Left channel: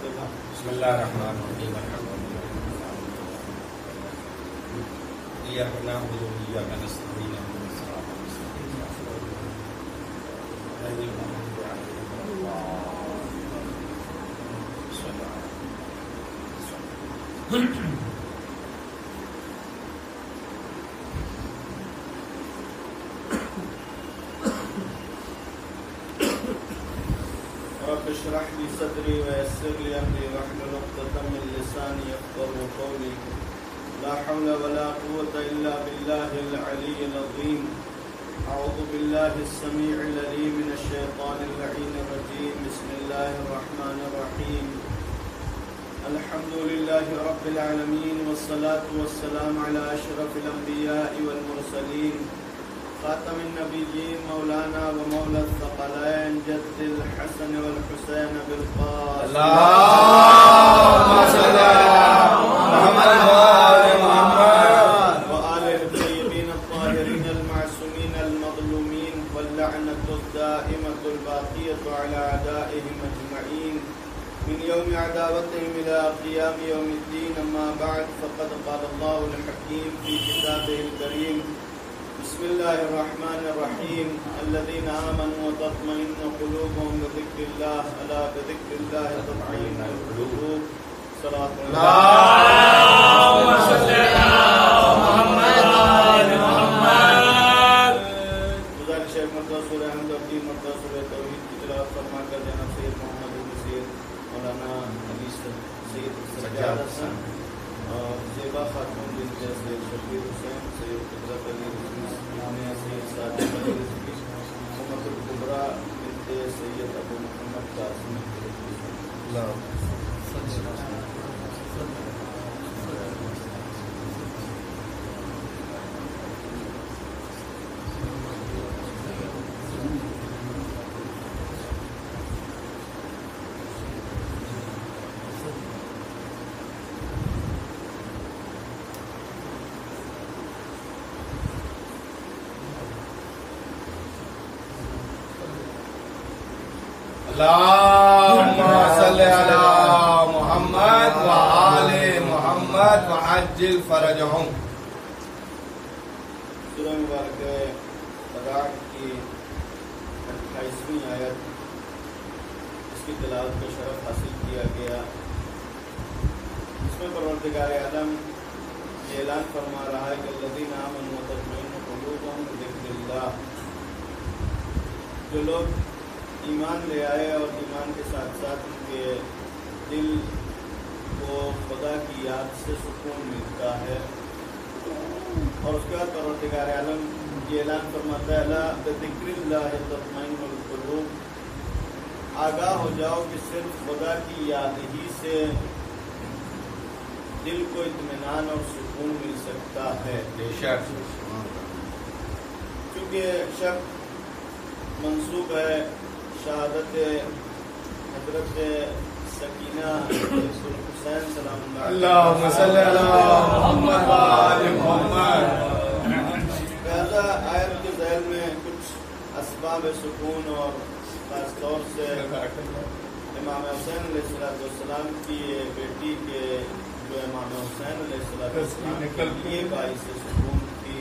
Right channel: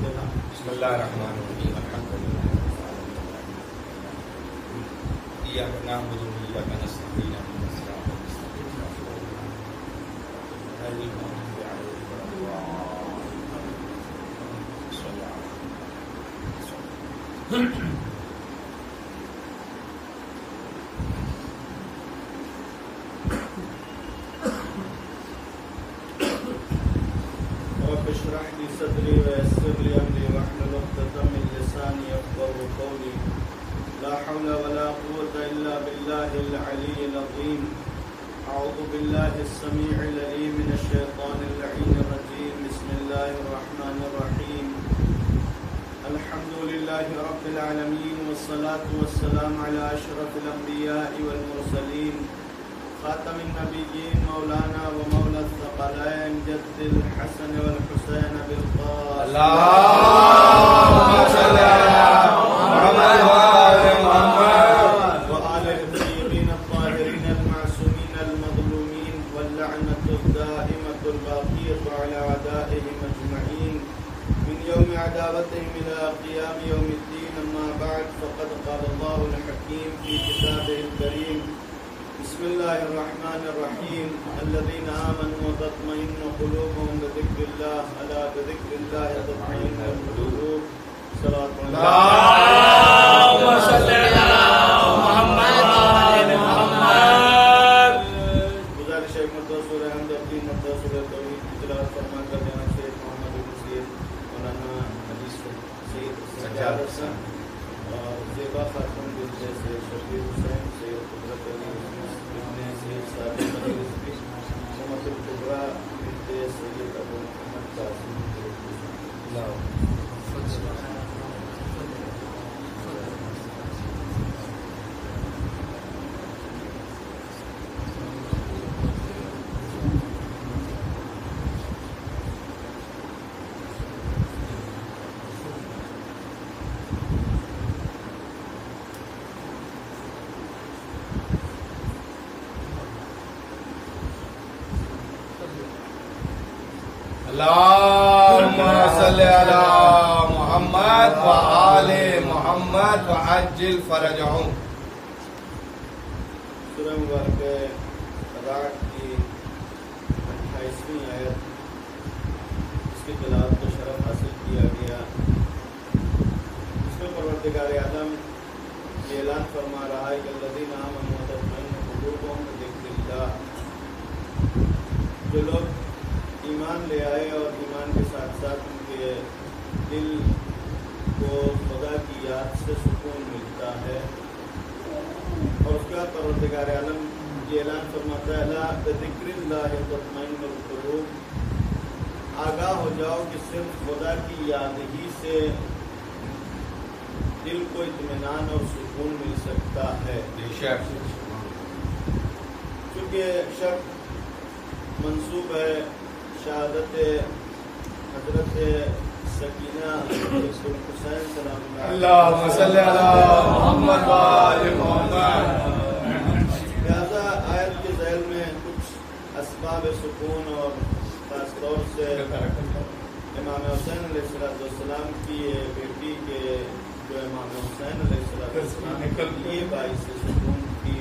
بسم الله الرحمن الرحيم الحمد لله إياك نعبد وإياك نستعين اهدنا الصراط المستقيم غير المغضوب عليهم ولا الضالين صل على رب اشرح لي صدري ويسر لي امري واحلل عقدة من لساني يفقهوا قولي لا حول ولا قوة الا بالله العلي العظيم اعوذ بالله السميع العليم من الشيطان اللعين الرجيم بسم الله الرحمن الرحيم الحمد لله رب العالمين والصلاة والسلام على اشرف الانبياء والمرسلين خاتم النبيين مولانا ومولى الثقلين جد الحسن والحسين بالقاسم اللهم صل على محمد وآل محمد وآله الطيبين الطاهرين المعصومين المظلومين واللعنة الدائمة الباقية على أعدائهم أجمعين من يوم عداوتهم إلى قيام يوم الدين أما بعد فقد قال الله الحكيم في كتابه الكريم بسم الله الرحمن الرحيم الذين آمنوا وتطمئن قلوبهم بذكر الله ألا بذكر الله تطمئن القلوب صلاة اللهم صل على محمد وآل محمد گزارش ہے مرتبہ سورہ حمد اور 3 مرتبہ سورہ توحید کی تلاوت فرما کر جناب سید محمد بن سید مولانا علی سید سجاد حسن اور زیبا خاتون بنت سید شفیع حسین سید قدرت علی سید صادق علی رضوی محمد الکبریٰ بنت سید ابو محمد قاسم اللهم صل على محمد وآل محمد وعجل فرجهم سورہ مبارکہ رعد کی 28ویں آیت اس کی تلاوت کا شرف حاصل کیا گیا. اس میں پروردگار عالم یہ اعلان فرما رہا ہے کہ الذین آمنوا وتطمئن قلوبهم بذکر اللہ، جو لوگ ایمان لے آئے اور ایمان کے ساتھ ساتھ ان کے دل کو خدا کی یاد سے سکون ملتا ہے. اور اس کے بعد پروردگار عالم یہ اعلان فرماتا ہے الا بذکر اللہ تطمئن القلوب، آگاہ ہو جاؤ کہ صرف خدا کی یاد ہی سے دل کو اطمینان اور سکون مل سکتا ہے. چونکہ شب منسوب ہے شہادت حضرت سکینہ بنت الحسین سلام اللہ اللہم صلی علی محمد وآل محمد. لہذا آیت کے ذیل میں کچھ اسباب سکون اور خاص طور سے امام حسین علیہ السلام کی بیٹی کے جو امام حسین علیہ السلام کے لیے باعث سکون تھی،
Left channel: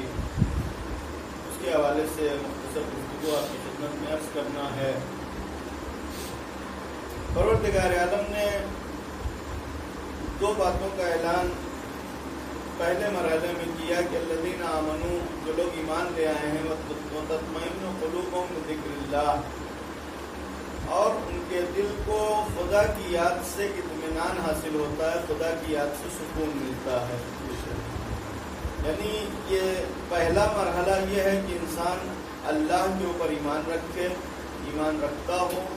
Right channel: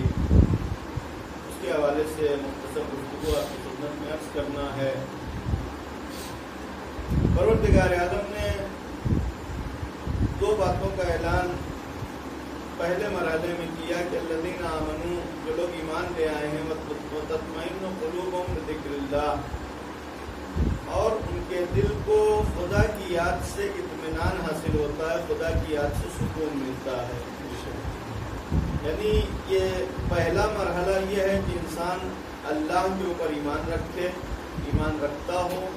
اس کے حوالے سے مختصر گفتگو آپ کی خدمت میں عرض کرنا ہے. پروردگار عالم نے 2 باتوں کا اعلان پہلے مرحلے میں کیا کہ الذین آمنوا، جو لوگ ایمان لے آئے ہیں، وتطمئن قلوبهم بذکر اللہ، اور ان کے دل کو خدا کی یاد سے اطمینان حاصل ہوتا ہے، خدا کی یاد سے سکون ملتا ہے. یعنی یہ پہلا مرحلہ یہ ہے کہ انسان اللہ کے اوپر ایمان رکھے، ایمان رکھتا ہو،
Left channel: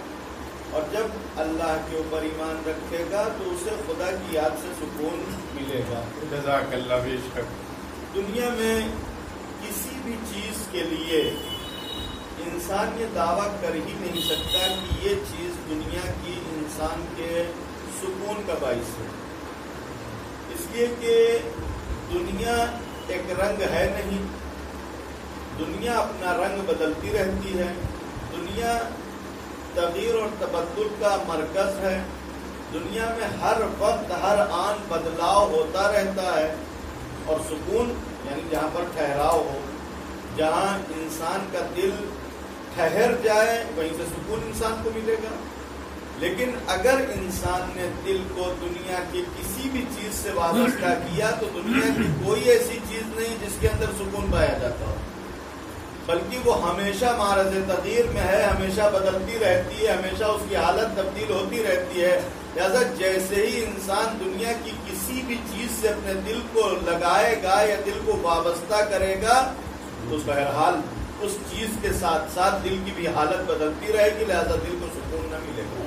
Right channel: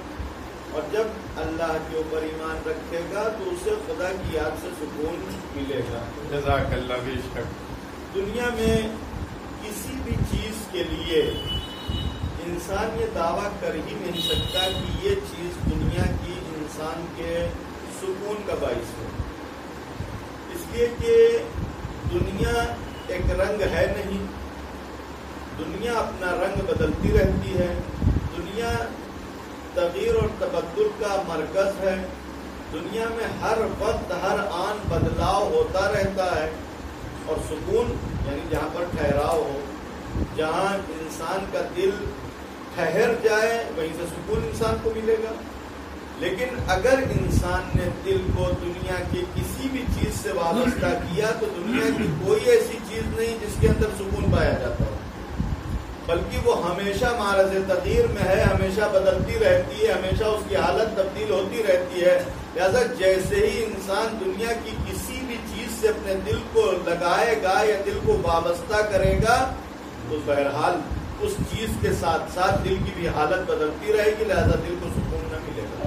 اور جب اللہ کے اوپر ایمان رکھے گا تو اسے خدا کی یاد سے سکون ملے گا. جزاک اللہ بیشک. دنیا میں کسی بھی چیز کے لیے انسان یہ دعویٰ کر ہی نہیں سکتا کہ یہ چیز دنیا کی انسان کے سکون کا باعث ہے، اس لیے کہ دنیا ایک رنگ ہے نہیں، دنیا اپنا رنگ بدلتی رہتی ہے، دنیا تغیر اور تبدل کا مرکز ہے. دنیا میں ہر وقت ہر آن بدلاؤ ہوتا رہتا ہے، اور سکون یعنی جہاں پر ٹھہراؤ ہو، جہاں انسان کا دل ٹھہر جائے وہیں سے سکون انسان کو ملے گا. لیکن اگر انسان نے دل کو دنیا کی کسی بھی چیز سے وابستہ کیا تو دنیا کی کوئی ایسی چیز نہیں جس کے اندر سکون پایا جاتا ہو، بلکہ وہ ہمیشہ معرض تغییر میں ہے، ہمیشہ بدلتی رہتی ہے، ہمیشہ اس کی حالت تبدیل ہوتی رہتی ہے. لہذا جیسے ہی انسان دنیا کی کسی بھی چیز سے اپنے دل کو لگائے گا یا دل کو وابستہ کرے گا تو بہرحال اس چیز کے ساتھ ساتھ دل کی بھی حالت بدلتی رہے گی، لہذا دل کو سکون نہ ملے گا.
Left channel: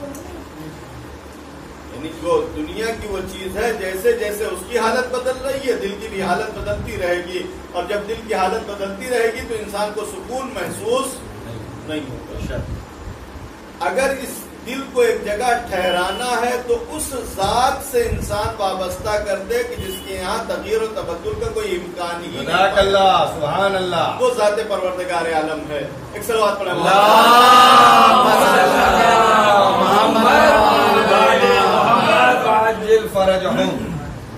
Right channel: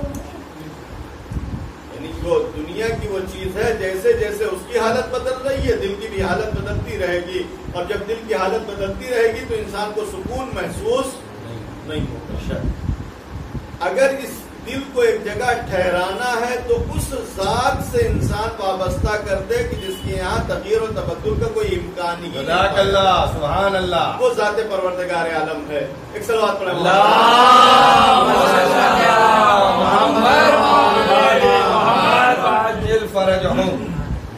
یعنی جو دنیا کی وہ چیز ہے، جیسے جیسے اس کی حالت بدل رہی ہے دل کی بھی حالت بدلتی رہے گی، اور جب دل کی حالت بدلتی رہے گی تو انسان کو سکون محسوس نہیں ہوگا. اگر اس دل کو ایک جگہ ٹھہرانا ہے تو اس ذات سے انسان وابستہ کر دے کہ جس کے یہاں تغییر و تبدل کا کوئی امکان ہی نہیں. اللہ سبحان اللہ، وہ ذات پروردگار عالم ہے. ایک صلوات پڑھیں.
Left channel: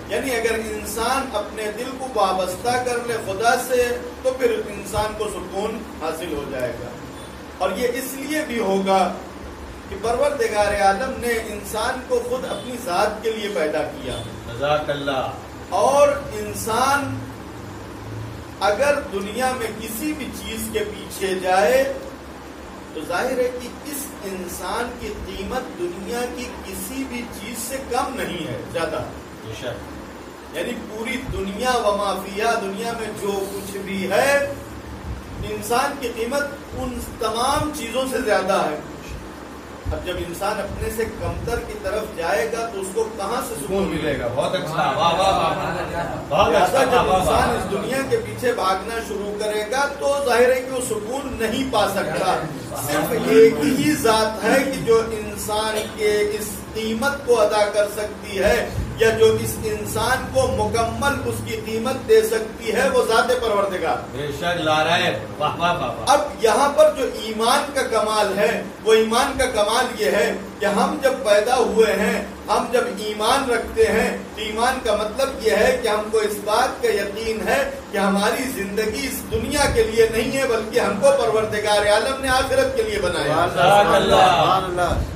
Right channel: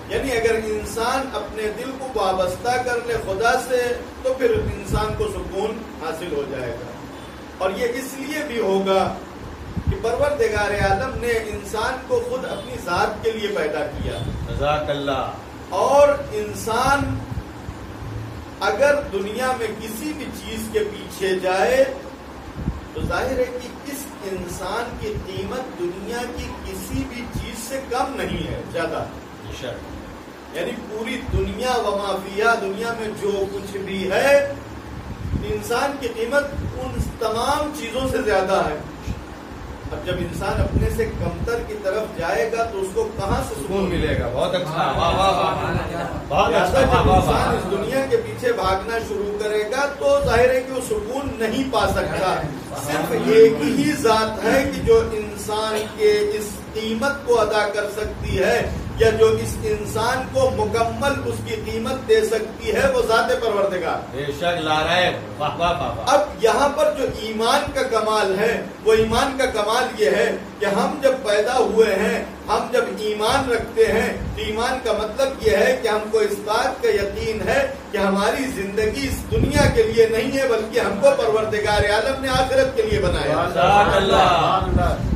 یعنی اگر انسان اپنے دل کو وابستہ کر لے خدا سے تو پھر انسان کو سکون حاصل ہو جائے گا. اور یہ اس لیے بھی ہوگا کہ پروردگار عالم نے انسان کو خود اپنی ذات کے لیے پیدا کیا. جزاک اللہ. اور انسان اگر دنیا میں کسی بھی چیز کے پیچھے جائے تو ظاہر ہے کہ اس انسان کی قیمت دنیا کی کسی بھی چیز سے کم نہیں ہے، زیادہ. یعنی پوری دنیا و ما فیہا، دنیا میں جو کچھ بھی ہے انسان کی قیمت ان تمام چیزوں سے زیادہ ہے. اب جب انسان اپنے سے کمتر کی طرف جائے گا تو اس کو کہاں سے سکون ملے گا؟ بہت اچھا، واہ واہ واہ. لہٰذا جب انسان اس دنیا کے پیچھے بھاگنا شروع کرے گا تو ظاہر ہے کہ وہ سکون نہیں پا سکتا. صرف ایک ہی ذات ہے کہ جو انسان کے اس قیمت کو ادا کر سکتی ہے یا جو اس انسان کو مکمل اس کی قیمت دے سکتی ہے، وہ ذات پروردگار. بے شک لا رہے. واہ واہ واہ. اب یہاں پر جو ایمان کا کمال ہے وہ ایمان کا کمال یہ ہے کہ ہم جب پیدا ہوئے ہیں، ہم جب ایمان رکھتے ہیں تو ایمان کا مطلب یہ ہے کہ ہم کو اس بات کا یقین ہے کہ ہماری زندگی اس دنیا کے لیے نہیں ہے بلکہ ہم کو پروردگار عالم نے آخرت کے لیے بنایا.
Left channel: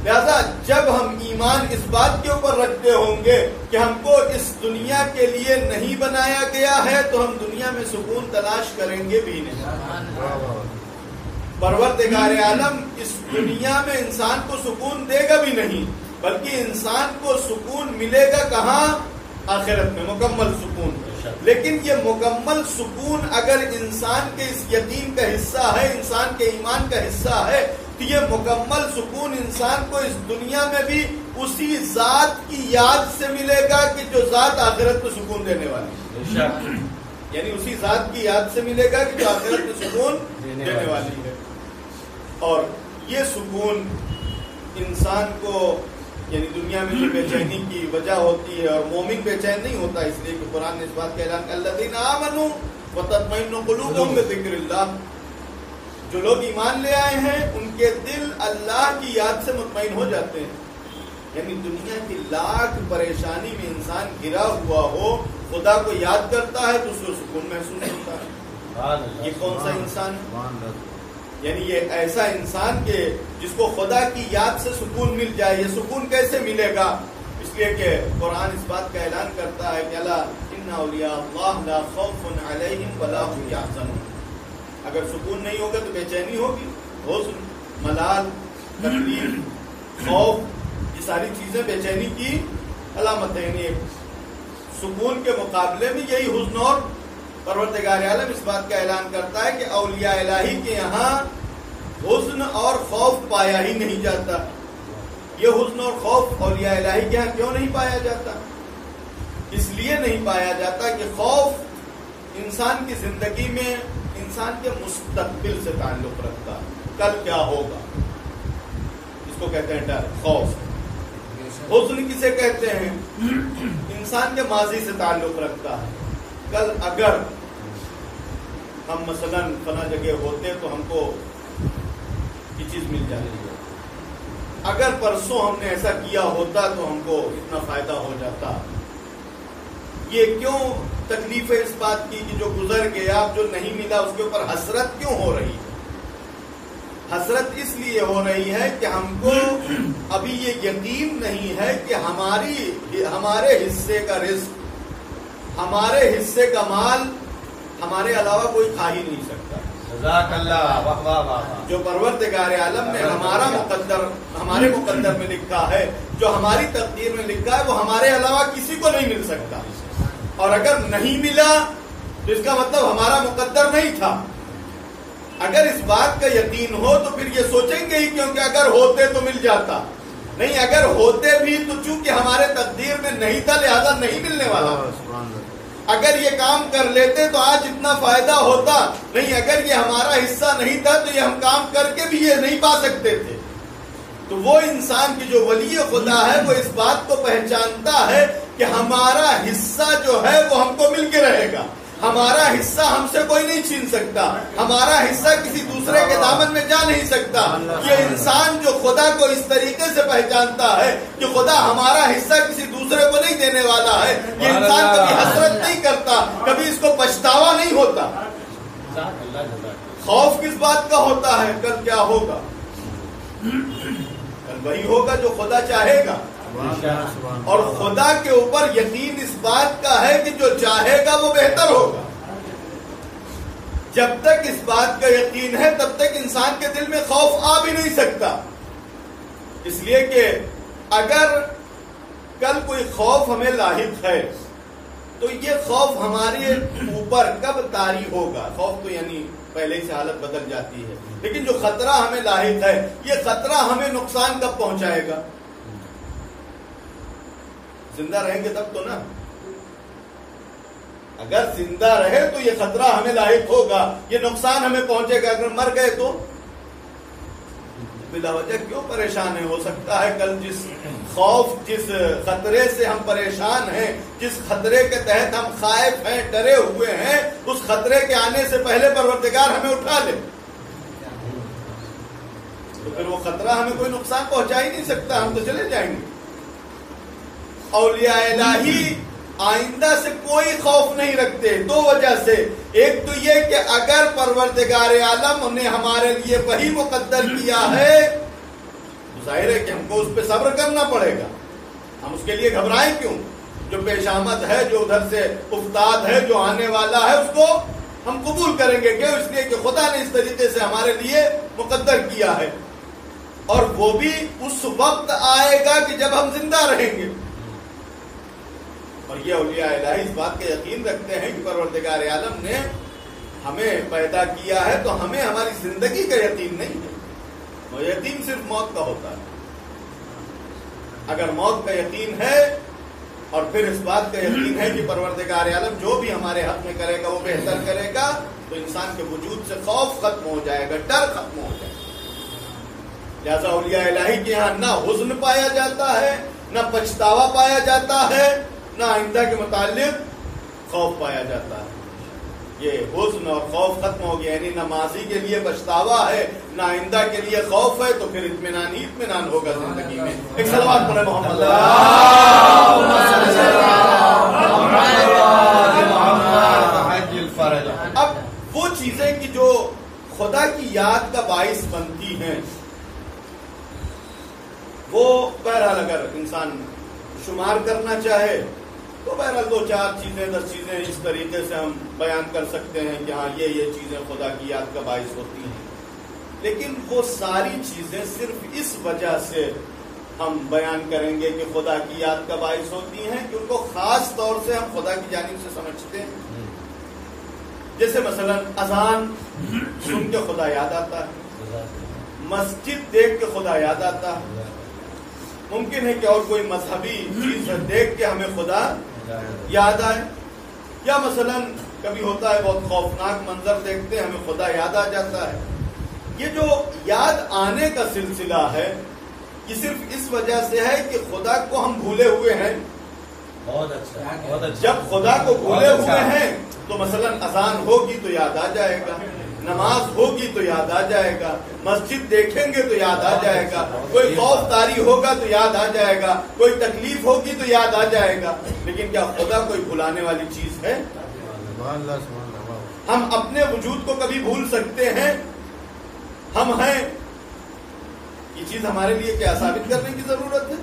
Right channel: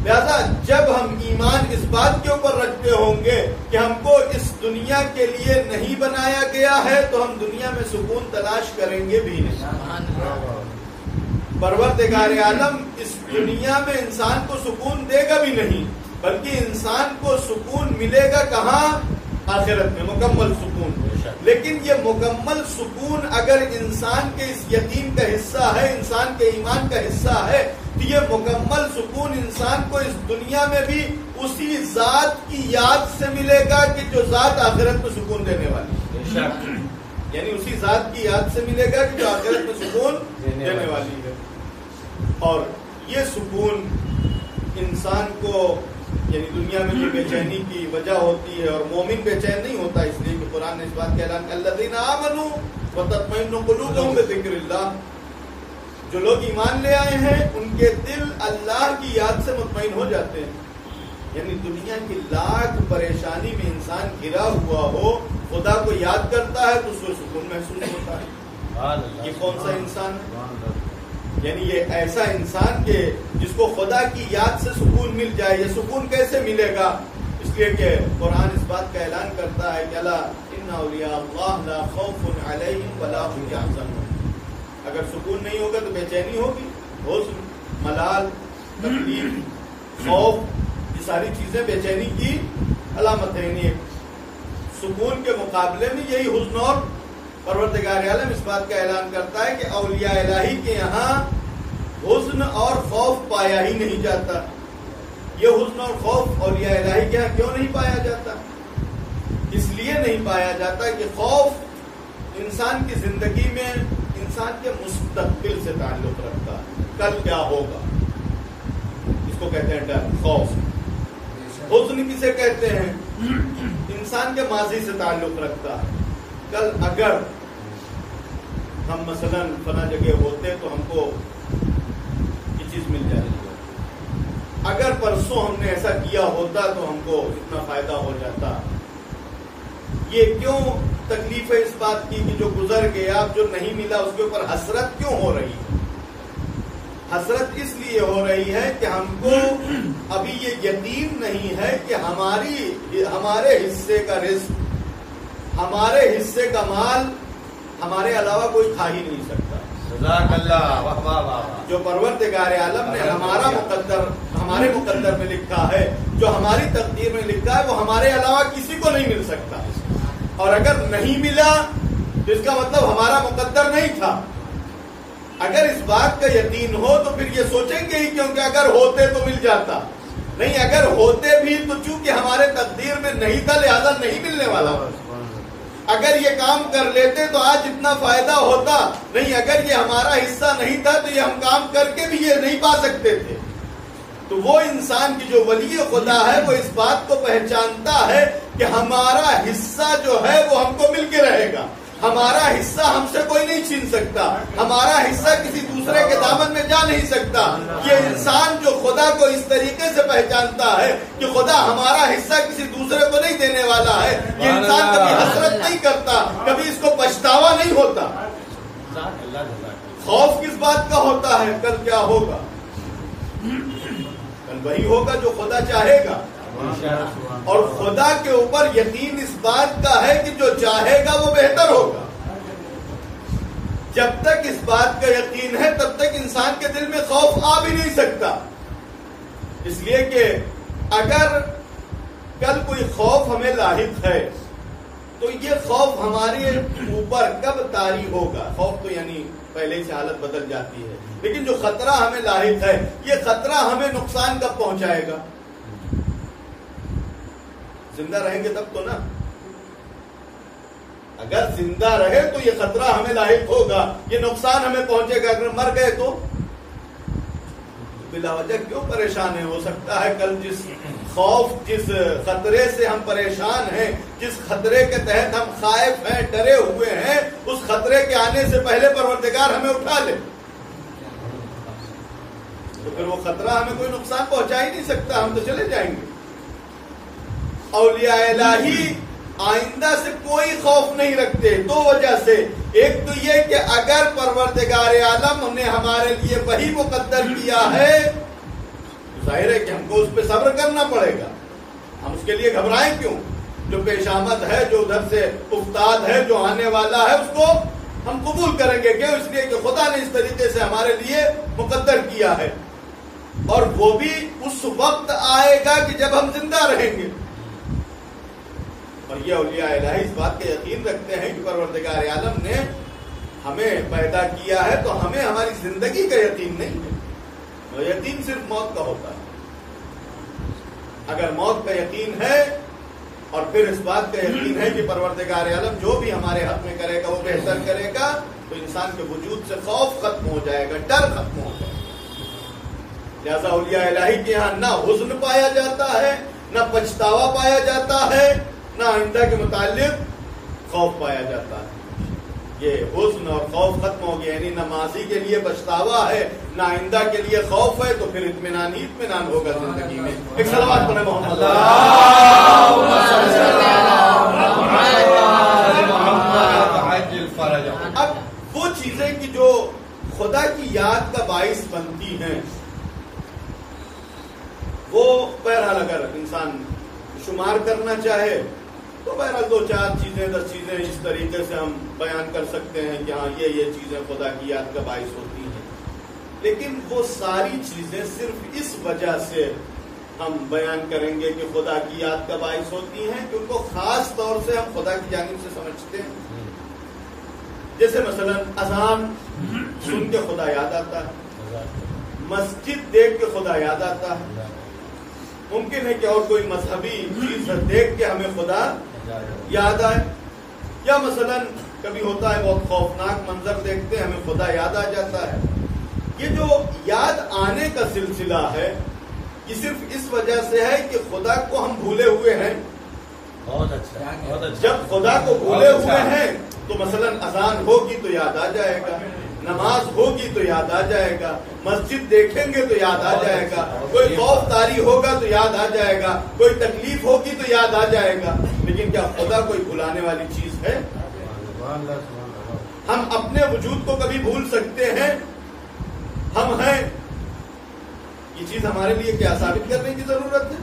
لہذا جب ہم ایمان اس بات کے اوپر رکھتے ہوں گے کہ ہم کو اس دنیا کے لیے نہیں بنایا گیا ہے تو ہم دنیا میں سکون تلاش کریں گے بھی نہیں. پروردگار عالم اس دنیا میں انسان کو سکون دے گا بھی نہیں، بلکہ انسان کو سکون ملے گا کہاں؟ آخرت میں، مکمل سکون. لیکن یہ مکمل سکون اگر انسان کے اس یقین کا حصہ ہے، انسان کے ایمان کا حصہ ہے، تو یہ مکمل سکون انسان کو اس دنیا میں بھی اسی ذات کی یاد سے ملے گا کہ جو ذات آخرت میں سکون دینے والی. یعنی اسی ذات کی یاد سے ملے گا کہ جو آخرت میں سکون دینے والی ہے. اور یہ سکون انسان کو یعنی دنیا میں جو بے چینی کی وجہ ہوتی ہے، اور مومن بے چین نہیں ہوتا اس لیے کہ قرآن نے اس بات کا اعلان کیا الذین آمنوا وتطمئن قلوبهم بذکر اللہ. جو لوگ ایمان لے آئے ہیں ان کے دل اللہ کی یاد سے مطمئن ہو جاتے ہیں. یعنی دنیا کی لاکھ پریشانی میں انسان گھرا ہوا ہو، خدا کو یاد کرتا ہے تو اس کو سکون محسوس ہوتا ہے. یہ کون سا انسان ہے؟ یعنی یہ ایسا انسان کہ جس کو خدا کی یاد سے سکون مل جائے. یہ سکون کیسے ملے گا؟ اس لیے کہ قرآن اس بات کا اعلان کرتا ہے کہ الا ان اولیاء اللہ لا خوف علیہم ولا هم یحزنون. اگر سکون نہیں ہوگا تو بے چینی ہوگی، حزن، ملال، تکلیف، خوف، یہ ساری چیزیں بے چینی کی علامت ہے. یعنی سکون کے مقابلے میں یہی حزن، اور پروردگار عالم اس بات کا اعلان کرتا ہے کہ اولیاء الہی کے یہاں حزن اور خوف پایا ہی نہیں جاتا. یہ حزن اور خوف اولیاء الہی کے یہاں کیوں نہیں پایا جاتا؟ اس لیے نہیں پایا جاتا کہ خوف انسان کی زندگی میں انسان کے مستقبل سے تعلق رکھتا ہے. کل کیا ہوگا اس کو کہتے ہیں ڈر، خوف. حزن کسے کہتے ہیں؟ انسان کے ماضی سے تعلق رکھتا ہے. کل اگر ہم مثلاً فلاں جگہ ہوتے تو ہم کو یہ چیز مل جاتی ہے. اگر پرسوں ہم نے ایسا کیا ہوتا تو ہم کو اتنا فائدہ ہو جاتا. یہ کیوں تکلیف ہے اس بات کی کہ جو گزر گیا اب جو نہیں ملا اس کے اوپر حسرت کیوں ہو رہی ہے؟ حسرت اس لیے ہو رہی ہے کہ ہم کو ابھی یہ یقین نہیں ہے کہ ہمارے حصے کا رزق، ہمارے حصے کا مال ہمارے علاوہ کوئی کھا ہی نہیں سکتا. جزاک اللہ. واہ واہ واہ. جو پروردگار عالم نے ہمارے مقدر میں لکھا ہے، جو ہماری تقدیر میں لکھا ہے، وہ ہمارے علاوہ کسی کو نہیں مل سکتا. اور اگر نہیں ملا تو اس کا مطلب ہمارا مقدر نہیں تھا. اگر اس بات کا یقین ہو تو پھر یہ سوچیں گے ہی کیونکہ اگر ہوتے تو مل جاتا. نہیں، اگر ہوتے بھی تو چونکہ ہمارے تقدیر میں نہیں تھا لہذا نہیں ملنے والا. اگر یہ کام کر لیتے تو آج اتنا فائدہ ہوتا. نہیں، اگر یہ ہمارا حصہ نہیں تھا تو یہ ہم کام کر کے بھی یہ نہیں پا سکتے تھے. تو وہ انسان کی جو ولی خدا ہے وہ اس بات کو پہچانتا ہے کہ ہمارا حصہ جو ہے وہ ہم کو مل کے رہے گا. ہمارا حصہ ہم سے کوئی نہیں چھین سکتا. ہمارا حصہ کسی دوسرے کے دامن میں جا نہیں سکتا. یہ انسان جو خدا کو اس طریقے سے پہچانتا ہے کہ خدا ہمارا حصہ کسی دوسرے کو نہیں دینے والا ہے، یہ انسان کبھی حسرت نہیں کرتا، کبھی اس کو پچھتاوا نہیں ہوتا. خوف کس بات کا ہوتا ہے؟ کل کیا ہوگا؟ کل وہی ہوگا جو خدا چاہے گا. اور خدا کے اوپر یقین اس بات کا ہے کہ جو چاہے گا وہ بہتر ہوگا. جب تک اس بات کا یقین ہے تب تک انسان کے دل میں خوف آ بھی نہیں سکتا. اس لیے کہ اگر کل کوئی خوف ہمیں لاحق ہے تو یہ خوف ہمارے اوپر کب طاری ہوگا؟ خوف تو یعنی پہلے ہی سے حالت بدل جاتی ہے، لیکن جو خطرہ ہمیں لاحق ہے یہ خطرہ ہمیں نقصان کب پہنچائے گا؟ زندہ رہیں گے تب تو نا. اگر زندہ رہے تو یہ خطرہ ہمیں لاحق ہوگا، یہ نقصان ہمیں پہنچے گا. اگر مر گئے تو بلا وجہ کیوں پریشان ہیں؟ ہو سکتا ہے کل جس خطرے سے ہم پریشان ہیں، جس خطرے کے تحت ہم خائف ہیں، ڈرے ہوئے ہیں، اس خطرے کے آنے سے پہلے پروردگار ہمیں اٹھا لے تو پھر وہ خطرہ ہمیں کوئی نقصان پہنچا ہی نہیں سکتا، ہم تو چلے جائیں گے. اولیاء الہی آئندہ سے کوئی خوف نہیں رکھتے دو وجہ سے. ایک تو یہ کہ اگر پروردگار عالم نے ہمارے لیے وہی مقدر کیا ہے تو ظاہر ہے کہ ہم کو اس پہ صبر کرنا پڑے گا. ہم اس کے لیے گھبرائیں کیوں؟ جو پیش آمد ہے، جو ادھر سے افتاد ہے، جو آنے والا ہے، اس کو ہم قبول کریں گے. کیوں؟ اس لیے کہ خدا نے اس طریقے سے ہمارے لیے مقدر کیا ہے. اور وہ بھی اس وقت آئے گا کہ جب ہم زندہ رہیں گے. اور یہ اولیاء الہی اس بات کا یقین رکھتے ہیں کہ پروردگار عالم نے ہمیں پیدا کیا ہے تو ہمیں ہماری زندگی کا یقین نہیں ہے. وہ یقین صرف موت کا ہوتا ہے. اگر موت کا یقین ہے اور پھر اس بات کا یقین ہے کہ پروردگار عالم جو بھی ہمارے حق میں کرے گا وہ بہتر کرے گا تو انسان کے وجود سے خوف ختم ہو جائے گا، ڈر ختم ہو جائے گا. لہذا اولیاء الہی کے ہاں نہ حزن پایا جاتا ہے، نہ پچھتاوا پایا جاتا ہے، نہ آئندہ کے متعلق خوف پایا جاتا ہے. یہ حزن اور خوف ختم ہو گیا، یعنی نہ ماضی کے لیے پچھتاوا ہے، نہ آئندہ کے لیے خوف ہے، تو پھر اطمینان ہی اطمینان ہوگا زندگی میں. ایک صلوات پڑھیں محمد. اب وہ چیزیں کہ جو خدا کی یاد کا باعث بنتی ہیں وہ بہرحال اگر انسان شمار کرنا چاہے تو بہرحال 2-4 چیزیں 10 چیزیں اس طریقے سے ہم بیان کر سکتے ہیں کہ ہاں یہ چیزیں خدا کی یاد کا باعث ہوتی ہیں. لیکن وہ ساری چیزیں صرف اس وجہ سے ہم بیان کریں گے کہ خدا کی یاد کا باعث ہوتی ہیں کہ ان کو خاص طور سے ہم خدا کی جانب سے سمجھتے ہیں. جیسے مثلا اذان سن کے خدا یاد آتا ہے، مسجد دیکھ کے خدا یاد آتا ہے. ممکن ہے کہ اور کوئی مذہبی چیز دیکھ کے ہمیں خدا یاد آئے، یا مثلا کبھی ہوتا ہے بہت خوفناک منظر دیکھتے ہیں ہمیں خدا یاد آ جاتا ہے. یہ جو یاد آنے کا سلسلہ ہے یہ صرف اس وجہ سے ہے کہ خدا کو ہم بھولے ہوئے ہیں. بہت اچھا. جب خدا کو بھولے ہوئے ہیں تو مثلا اذان ہوگی تو یاد آ جائے گا. نماز ہوگی تو یاد آ جائے گا، مسجد دیکھیں گے تو یاد آ جائے گا، کوئی خوف طاری ہوگا تو یاد آ جائے گا، کوئی تکلیف ہوگی تو یاد آ جائے گا، لیکن کیا خدا کوئی بھلانے والی چیز ہے؟ ہم اپنے وجود کو کبھی بھول سکتے ہیں؟ ہم ہیں، یہ چیز ہمارے لیے کیا ثابت کرنے کی ضرورت ہے؟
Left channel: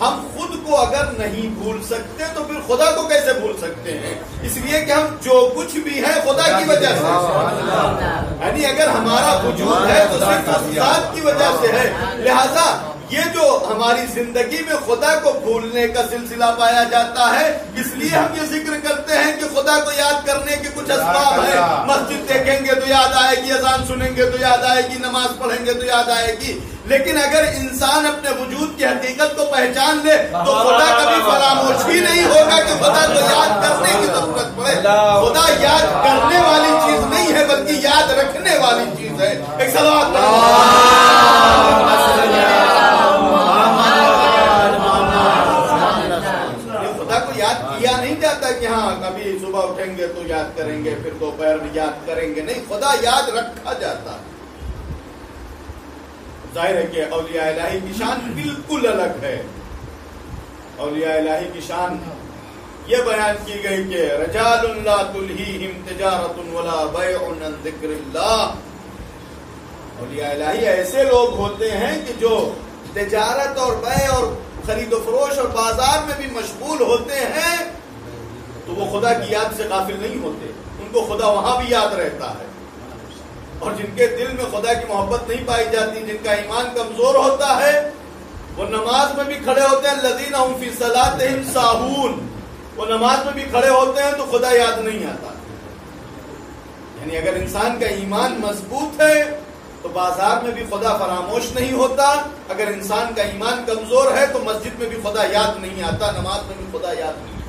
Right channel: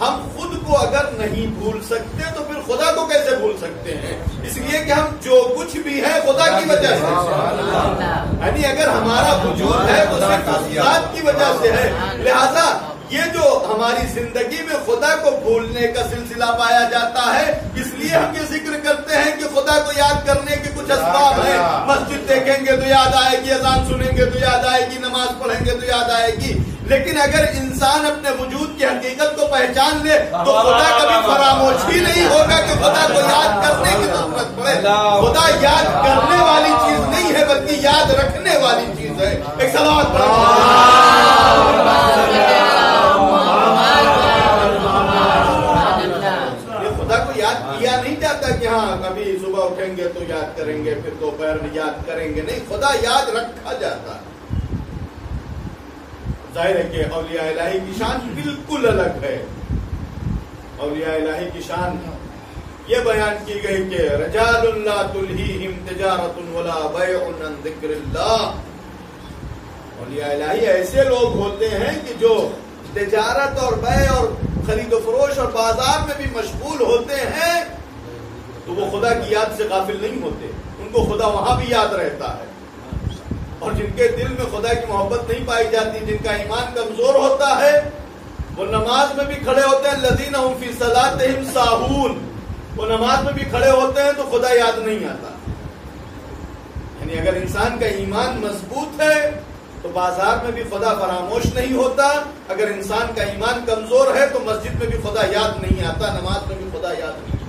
ہم خود کو اگر نہیں بھول سکتے تو پھر خدا کو کیسے بھول سکتے ہیں؟ اس لیے کہ ہم جو کچھ بھی ہیں خدا کی وجہ سے، یعنی اگر ہمارا وجود ہے تو صرف اس ذات کی وجہ سے ہے، لہذا یہ جو ہماری زندگی میں خدا کو بھولنے کا سلسلہ پایا جاتا ہے، اس لیے ہم یہ ذکر کرتے ہیں کہ خدا کو یاد کرنے کے کچھ اسباب ہیں، مسجد دیکھیں گے تو یاد آئے گی، اذان سنیں گے تو یاد آئے گی، نماز پڑھیں گے تو یاد آئے گی، لیکن اگر انسان اپنے وجود کی حقیقت کو پہچان لے تو خدا کبھی فراموش ہی نہیں ہوگا کہ خدا کو یاد کرنے کی ضرورت پڑے۔ خدا یاد کرنے والی چیز نہیں ہے بلکہ یاد رکھنے والی چیز ہے۔ ایک صلوات خدا کو یاد کیا نہیں جاتا کہ ہاں کبھی صبح اٹھیں گے تو یاد کریں گے، پھر دوپہر میں یاد کریں گے، نہیں، خدا یاد رکھا جاتا ہے۔ ظاہر ہے کہ اولیاء الہی کی شان بالکل الگ ہے۔ اولیاء الہی کی شان یہ بیان کی گئی کہ رجال لا تلہیہم تجارت ولا بیع عن ذکر اللہ۔ اولیاء الہی ایسے لوگ ہوتے ہیں کہ جو تجارت اور بیع اور خرید و فروش اور بازار میں بھی مشغول ہوتے ہیں تو وہ خدا کی یاد سے غافل نہیں ہوتے، ان کو خدا وہاں بھی یاد رہتا ہے۔ اور جن کے دل میں خدا کی محبت نہیں پائی جاتی، جن کا ایمان کمزور ہوتا ہے، وہ نماز میں بھی کھڑے ہوتے ہیں الذین هم فی صلاتہم ساہون، وہ نماز میں بھی کھڑے ہوتے ہیں تو خدا یاد نہیں آتا۔ یعنی اگر انسان کا ایمان مضبوط ہے تو بازار میں بھی خدا فراموش نہیں ہوتا، اگر انسان کا ایمان کمزور ہے تو مسجد میں بھی خدا یاد نہیں آتا، نماز میں بھی خدا یاد نہیں آتا۔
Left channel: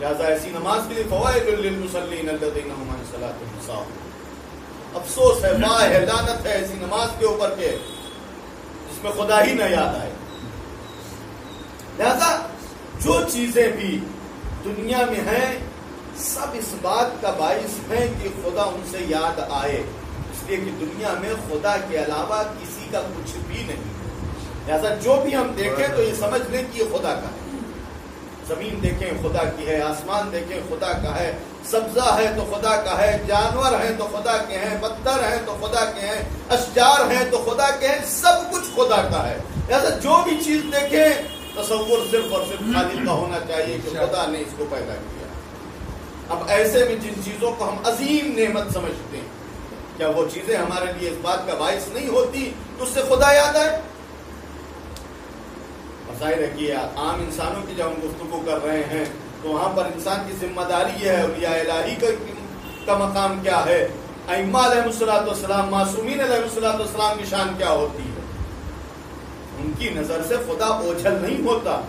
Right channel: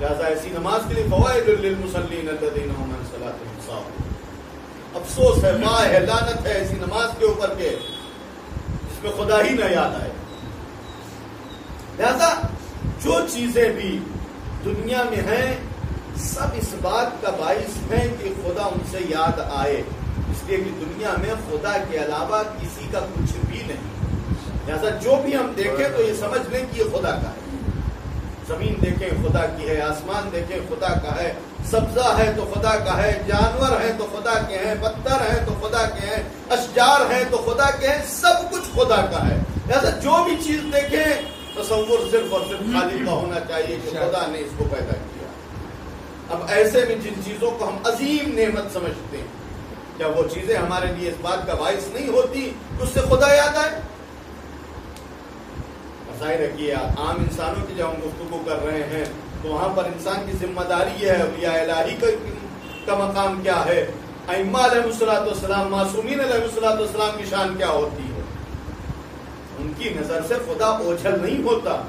لہذا ایسی نماز کے لیے فوائل للمصلین الذین هم عن صلاتہم ساہون۔ افسوس ہے، واہ ہے، لعنت ہے ایسی نماز کے اوپر کے جس میں خدا ہی نہ یاد آئے۔ لہذا جو چیزیں بھی دنیا میں ہیں سب اس بات کا باعث ہیں کہ خدا ان سے یاد آئے، اس لیے کہ دنیا میں خدا کے علاوہ کسی کا کچھ بھی نہیں۔ لہذا جو بھی ہم دیکھیں تو یہ سمجھ لیں کہ یہ خدا کا ہے۔ زمین دیکھیں خدا کی ہے، آسمان دیکھیں خدا کا ہے، سبزہ ہے تو خدا کا ہے، جانور ہیں تو خدا کے ہیں، پتھر ہیں تو خدا کے ہیں، اشجار ہیں تو خدا کے ہیں، سب کچھ خدا کا ہے۔ لہذا جو بھی چیز دیکھیں تصور صرف اور صرف خالق کا ہونا چاہیے کہ خدا نے اس کو پیدا کیا۔ اب ایسے میں جن چیزوں کو ہم عظیم نعمت سمجھتے ہیں، کیا وہ چیزیں ہمارے لیے اس بات کا باعث نہیں ہوتی کہ اس سے خدا یاد آئے؟ ظاہر ہے کہ عام انسانوں کی جب ہم گفتگو کر رہے ہیں تو وہاں پر انسان کی ذمہ داری یہ ہے، اولیاء الہی کا مقام کیا ہے، ائمہ علیہ الصلوۃ والسلام، معصومین علیہ الصلوۃ والسلام کی شان کیا ہوتی ہے۔ ان کی نظر سے خدا اوجھل نہیں ہوتا،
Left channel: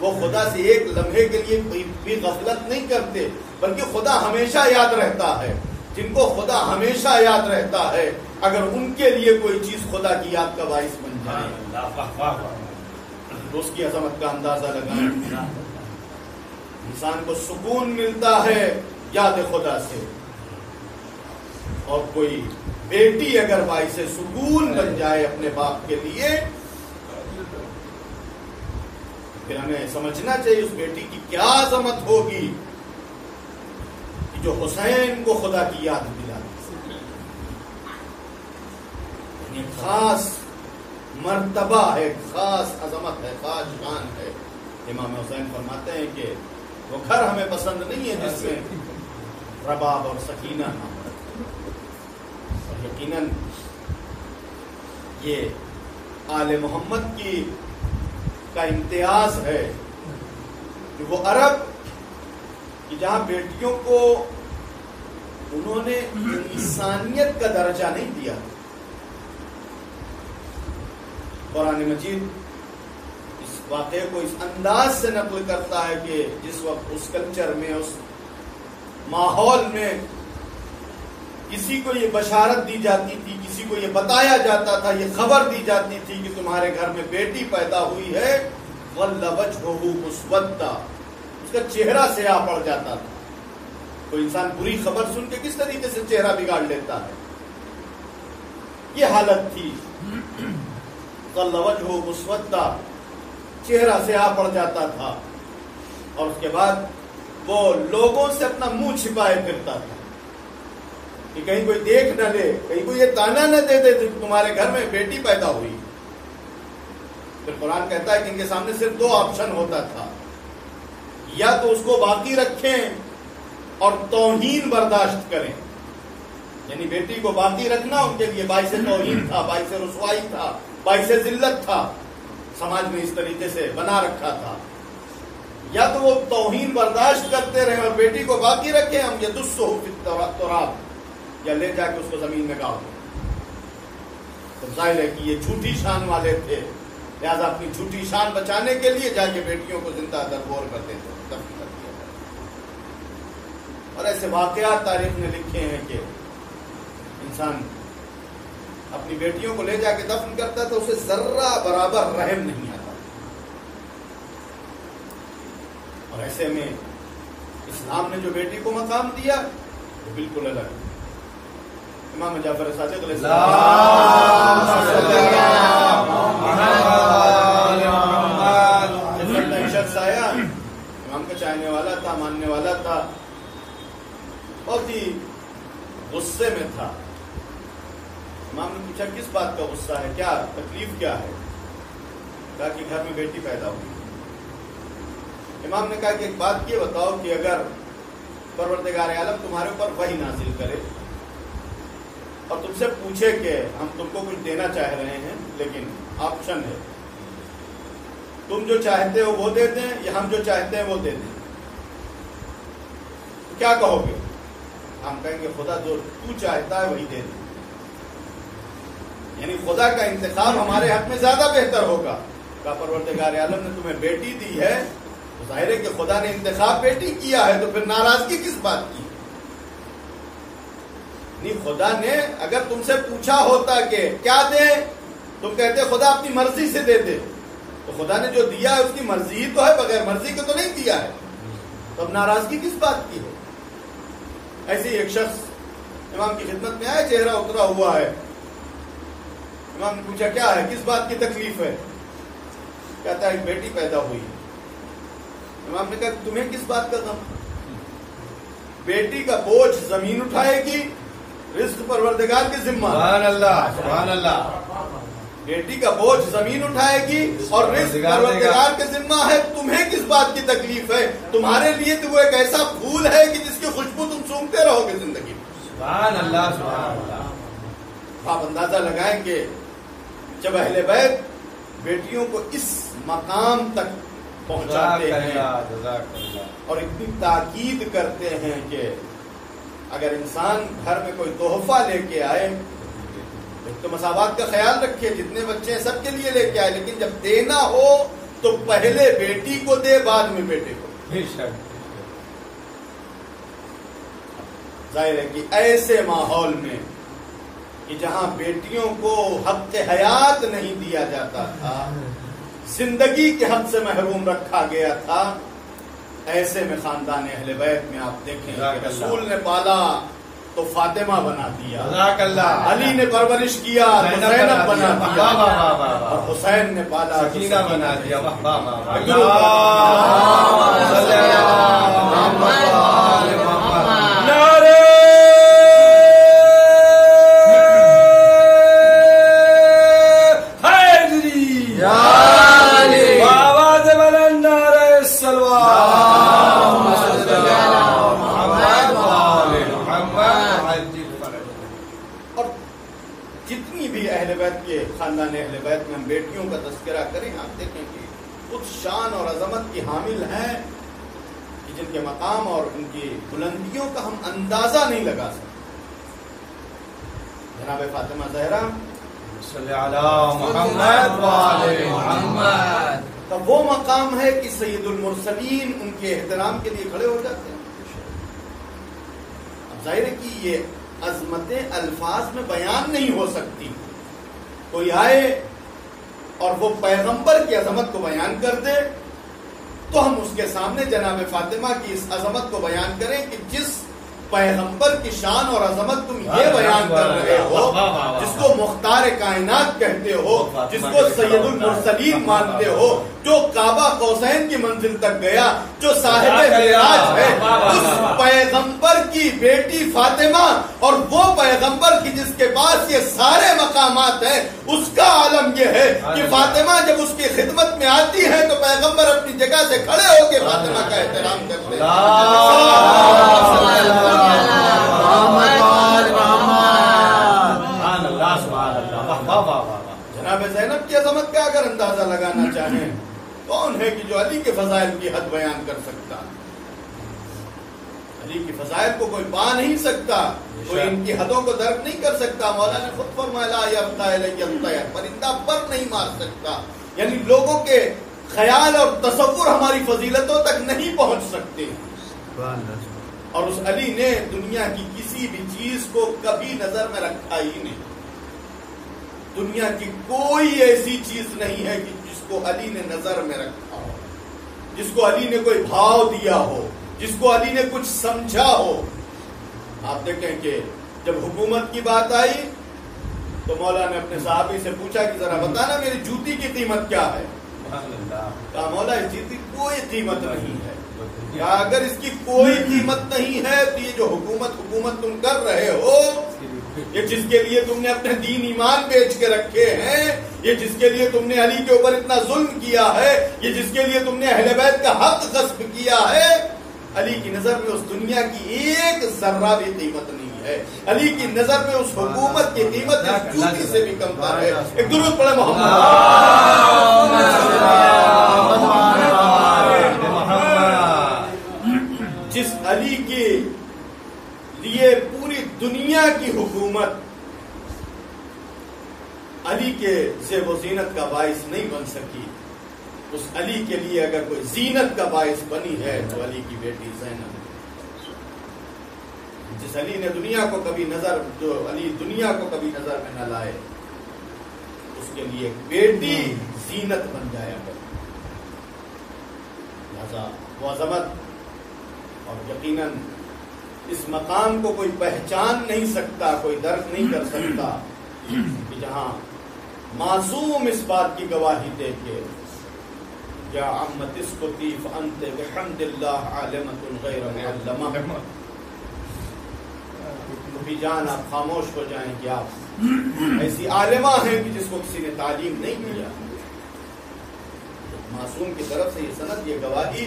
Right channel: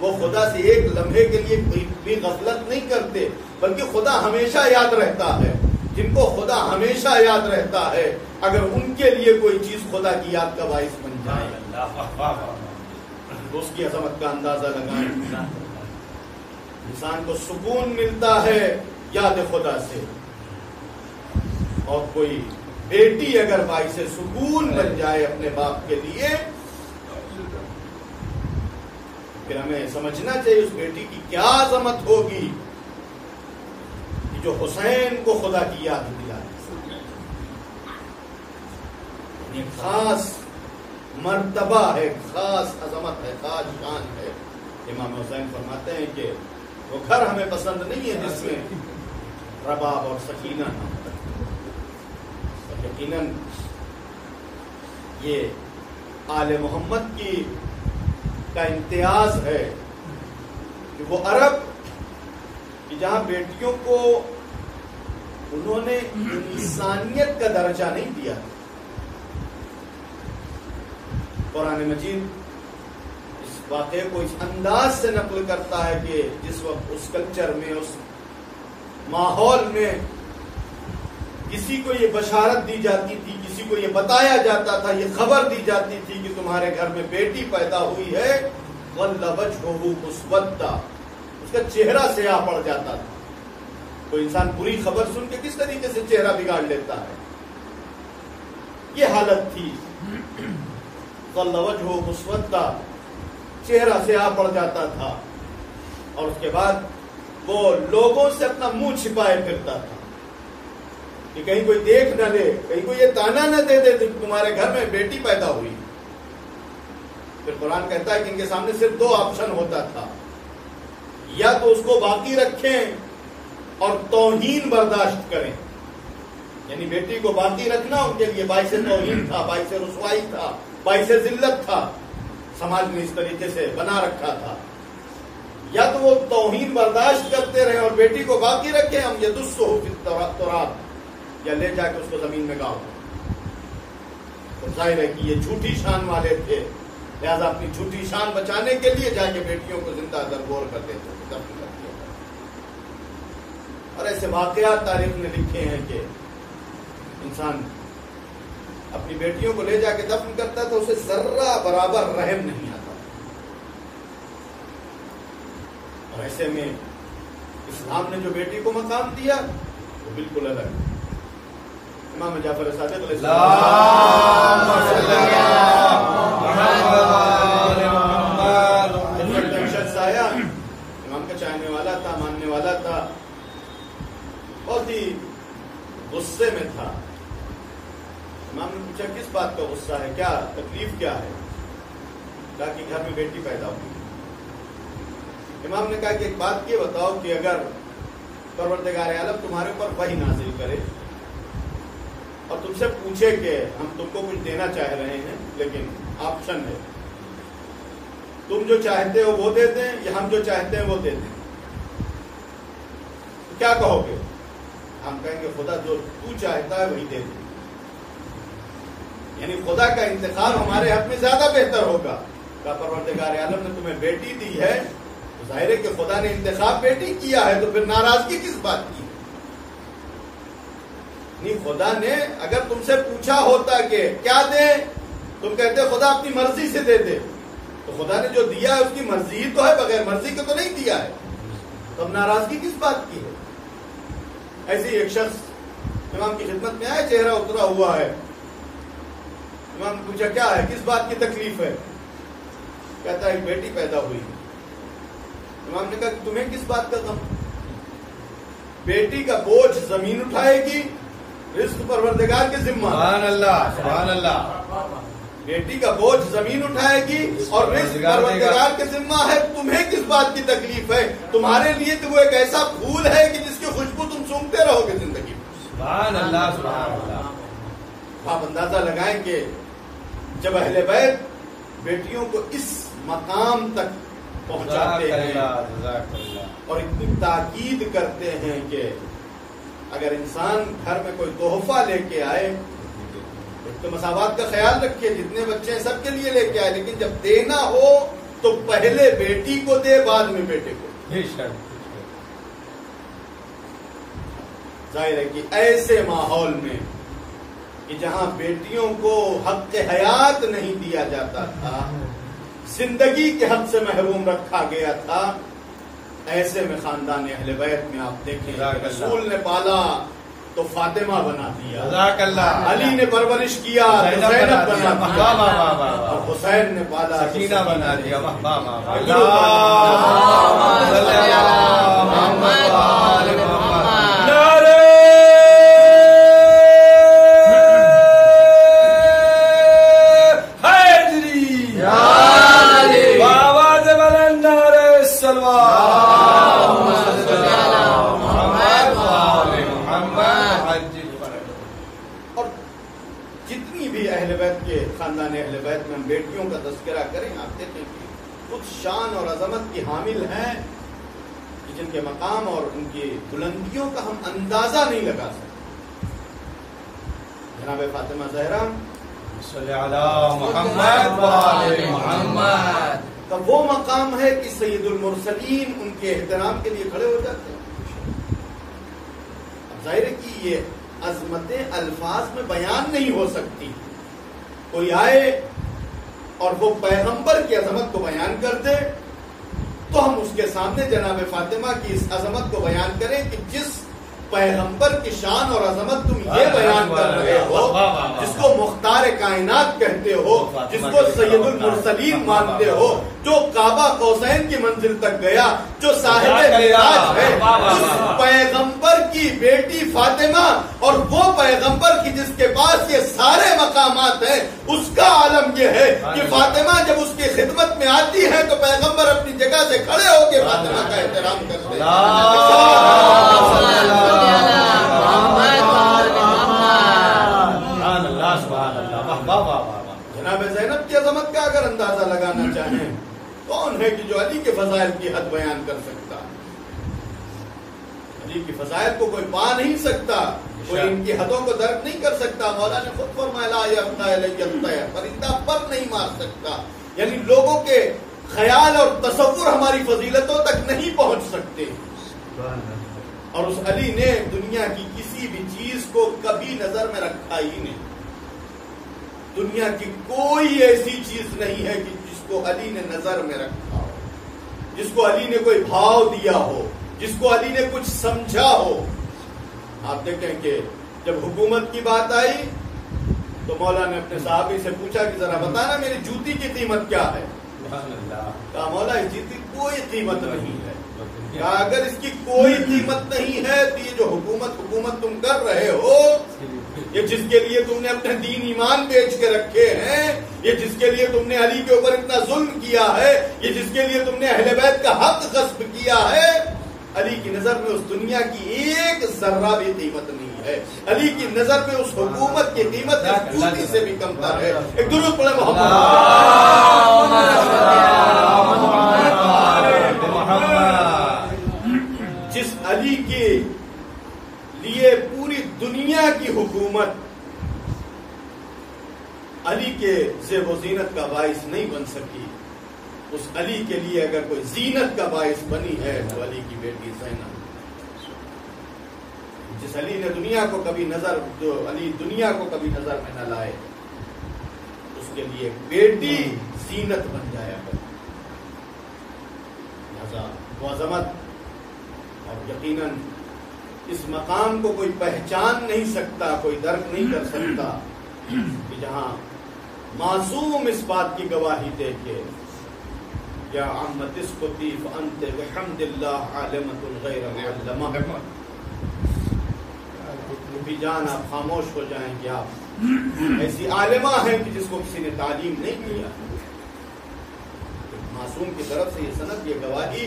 وہ خدا سے ایک لمحے کے لیے کوئی بھی غفلت نہیں کرتے، بلکہ خدا ہمیشہ یاد رہتا ہے۔ جن کو خدا ہمیشہ یاد رہتا ہے، اگر ان کے لیے کوئی چیز خدا کی یاد کا باعث بن جائے تو اس کی عظمت کا اندازہ لگائیں۔ انسان کو سکون ملتا ہے یاد خدا سے، اور کوئی بیٹی اگر باعث سکون بن جائے اپنے باپ کے لیے پھر ہمیں سمجھنا چاہیے اس بیٹی کی کیا عظمت ہوگی کہ جو حسین کو خدا کی یاد دلاتی۔ یہ خاص مرتبہ ہے، خاص عظمت ہے، خاص شان ہے۔ امام حسین فرماتے ہیں کہ وہ گھر ہمیں پسند نہیں ہے جس میں رباب اور سکینہ نہ ہو، اور یقیناً یہ آل محمد کا امتیاز ہے کہ وہ عرب کہ جہاں بیٹیوں کو انہوں نے انسانیت کا درجہ نہیں دیا۔ قرآن مجید اس واقعے کو اس انداز سے نقل کرتا ہے کہ جس وقت اس کلچر میں، اس ماحول میں کسی کو یہ بشارت دی جاتی تھی، کسی کو یہ بتایا جاتا تھا، یہ خبر دی جاتی تھی کہ تمہارے گھر میں بیٹی پیدا ہوئی ہے، وَلَّ وَجْهُهُ مُسْوَدًّا، اس کا چہرہ سیاہ پڑ جاتا تھا۔ کوئی انسان بری خبر سن کے کس طریقے سے چہرہ بگاڑ لیتا ہے. یہ حالت تھی. ظل وجہہ مسودہ، چہرہ سیاہ پڑ جاتا تھا، اور اس کے بعد وہ لوگوں سے اپنا منہ چھپائے پھرتا تھا کہ کہیں کوئی دیکھ نہ لے، کہیں کوئی یہ تانا نہ دے دے تمہارے گھر میں بیٹی پیدا ہوئی. پھر قرآن کہتا ہے کہ ان کے سامنے صرف 2 آپشن ہوتا تھا، یا تو اس کو باقی رکھیں اور توہین برداشت کریں، یعنی بیٹی کو باقی رکھنا ان کے لیے باعث توہین تھا، باعث رسوائی تھا، باعث ذلت تھا، سماج میں اس طریقے سے بنا رکھا تھا. یا تو وہ توہین برداشت کرتے رہے اور بیٹی کو باقی رکھیں، ہم یدسہ فی التراب، یا لے جا کے اس کو زمین میں گاڑ دیں. تو ظاہر ہے کہ یہ جھوٹی شان والے تھے، لہذا اپنی جھوٹی شان بچانے کے لیے جا کے بیٹیوں کو زندہ درگور کر دیتے تھے، دفن کر دیا تھا. اور ایسے واقعات تاریخ نے لکھے ہیں کہ انسان اپنی بیٹیوں کو لے جا کے دفن کرتا تھا، اسے ذرہ برابر رحم نہیں آتا. اور ایسے میں اسلام نے جو بیٹی کو مقام دیا وہ بالکل الگ ہے. امام جعفر صادق علیہ السلام شخص آیا، امام کا چاہنے والا تھا، ماننے والا تھا، بہت ہی غصے میں تھا. امام نے پوچھا کس بات کا غصہ ہے، کیا تکلیف کیا ہے؟ کہا کہ گھر میں بیٹی پیدا ہوئی. امام نے کہا کہ ایک بات یہ بتاؤ کہ اگر پروردگار عالم تمہارے اوپر وحی نازل کرے اور تم سے پوچھے کہ ہم تم کو کچھ دینا چاہ رہے ہیں لیکن آپشن ہے، تم جو چاہتے ہو وہ دے دیں یا ہم جو چاہتے ہیں وہ دے دیں، تو کیا کہو گے؟ ہم کہیں گے خدا جو تو چاہتا ہے وہی دے دے، یعنی خدا کا انتخاب ہمارے حق میں زیادہ بہتر ہوگا. کہا پروردگار عالم نے تمہیں بیٹی دی ہے تو ظاہر ہے کہ خدا نے انتخاب بیٹی کیا ہے، تو پھر ناراضگی کس بات کی؟ نہیں، خدا نے اگر تم سے پوچھا ہوتا کہ کیا دے، تم کہتے خدا اپنی مرضی سے دے دے، تو خدا نے جو دیا ہے اس کی مرضی ہی تو ہے، بغیر مرضی کے تو نہیں دیا ہے، تو اب ناراضگی کس بات کی ہے؟ ایسے ہی ایک شخص امام کی خدمت میں آئے، چہرہ اترا ہوا ہے. امام نے پوچھا کیا ہے، کس بات کی تکلیف ہے؟ کہتا ہے ایک بیٹی پیدا ہوئی. امام نے کہا تمہیں کس بات کا غم؟ بیٹی کا بوجھ زمین اٹھائے گی، رزق پروردگار کے ذمہ. سبحان اللہ، سبحان اللہ. بیٹی کا بوجھ زمین اٹھائے گی اور رزق پروردگار کے ذمہ ہے. تمہیں کس بات کی تکلیف ہے؟ تمہارے لیے تو وہ ایک ایسا پھول ہے کہ جس کی خوشبو تم سونگتے رہو گے زندگی میں. سبحان اللہ، سبحان اللہ. آپ اندازہ لگائیں کہ جب اہل بیت بیٹیوں کو اس مقام تک پہنچاتے ہیں اور اتنی تاکید کرتے ہیں کہ اگر انسان گھر میں کوئی تحفہ لے کے آئے تو مساوات کا خیال رکھے، جتنے بچے ہیں سب کے لیے لے کے آئے، لیکن جب دینا ہو تو پہلے بیٹی کو دے، بعد میں بیٹے کو. ظاہر ہے کہ ایسے ماحول میں کہ جہاں بیٹیوں کو حق حیات نہیں دیا جاتا تھا، زندگی کے حق سے محروم رکھا گیا تھا، ایسے میں خاندان اہل بیت میں آپ دیکھیں کہ رسول نے پالا تو فاطمہ بنا دیا، علی نے پرورش کیا تو زینب بنا دیا، اور حسین نے پالا تو سکینہ بنا دیا. خاندان اہل بیت میں ہم بیٹیوں کا تذکرہ کریں، آپ دیکھیں کہ خود شان اور عظمت کی حامل ہیں کہ جن کے مقام اور ان کی بلندیوں کا ہم اندازہ نہیں لگا سکتے. جناب فاطمہ زہرا صلی اللہ محمد وعلی محمد کا وہ مقام ہے کہ سید المرسلین ان کے احترام کے لیے کھڑے ہو جاتے ہیں. اب ظاہر ہے کہ یہ عظمتیں الفاظ میں بیان نہیں ہو سکتی. کوئی آئے اور وہ پیغمبر کی عظمت کو بیان کر دے تو ہم اس کے سامنے جناب فاطمہ کی اس عظمت کو بیان کریں کہ جس پیغمبر کی شان اور عظمت تم یہ بیان کر رہے ہو، جس کو مختار کائنات کہتے ہو، جس کو سید المرسلین مانتے ہو، جو کعبہ قوسین کی منزل تک گیا، جو صاحب معراج ہے، اس پیغمبر کی بیٹی فاطمہ اور وہ پیغمبر کی جس کے پاس یہ سارے مقامات ہیں، اس کا عالم یہ ہے کہ فاطمہ جب اس کی خدمت میں آتی ہے تو پیغمبر اپنی جگہ سے کھڑے ہو کے فاطمہ کا احترام کرتے ہیں۔ جناب زینب کی عظمت کا اگر اندازہ لگانا چاہیں، کون ہے کہ جو علی کے فضائل کی حد بیان کر سکتا؟ علی کی فضائل کو کوئی پا نہیں سکتا، کوئی ان کی حدوں کو درک نہیں کر سکتا۔ مولا نے خود فرمایا لا یرقی الی الطیر، پرندہ پر نہیں مار سکتا، یعنی لوگوں کے خیال اور تصور ہماری فضیلتوں تک نہیں پہنچ سکتے۔ اور اس علی نے دنیا کی کسی بھی چیز کو کبھی نظر میں رکھا ہی نہیں۔ دنیا کی کوئی ایسی چیز نہیں ہے کہ جس کو علی نے نظر میں رکھا ہو، جس کو علی نے کوئی بھاؤ دیا ہو، جس کو علی نے کچھ سمجھا ہو۔ آپ دیکھیں کہ جب حکومت کی بات آئی تو مولا نے اپنے صحابی سے پوچھا کہ ذرا بتانا میری جوتی کی قیمت کیا ہے؟ کہا مولا اس جوتی کی کوئی قیمت نہیں ہے۔ کہا اگر اس کی کوئی قیمت نہیں ہے تو یہ جو حکومت تم کر رہے ہو، یہ جس کے لیے تم نے اپنے دین ایمان بیچ کے رکھے ہیں، یہ جس کے لیے تم نے علی کے اوپر اتنا ظلم کیا ہے، یہ جس کے لیے تم نے اہل بیت کا حق غصب کیا ہے، علی کی نظر میں اس دنیا کی ایک ذرہ بھی قیمت نہیں ہے۔ علی کی نظر میں اس حکومت کی قیمت اس جوتی سے بھی کم تر ہے۔ ایک درود پڑھے محمد۔ جس علی کے لیے پوری دنیا کی حکومت علی کے زیب و زینت کا باعث نہیں بن سکی، اس علی کے لیے اگر کوئی زینت کا باعث بنی ہے تو علی کی بیٹی زینب۔ جس علی نے دنیا کو کبھی نظر میں نہ لائے، اس کے لیے ایک بیٹی زینت بن جایا کر۔ لہذا وہ عظمت اور یقیناً اس مقام کو کوئی پہچان نہیں سکتا، کوئی درک نہیں کر سکتا کہ جہاں معصوم اس بات کی گواہی دے کے یا عمت اسکتی فانت بحمد اللہ عالمۃ غیر معلمہ، بھی جان آپ خاموش ہو جائیں کہ آپ ایسی عالمہ ہیں کہ جس کو کسی نے تعلیم نہیں کیا۔ معصوم کی طرف سے یہ سند، یہ گواہی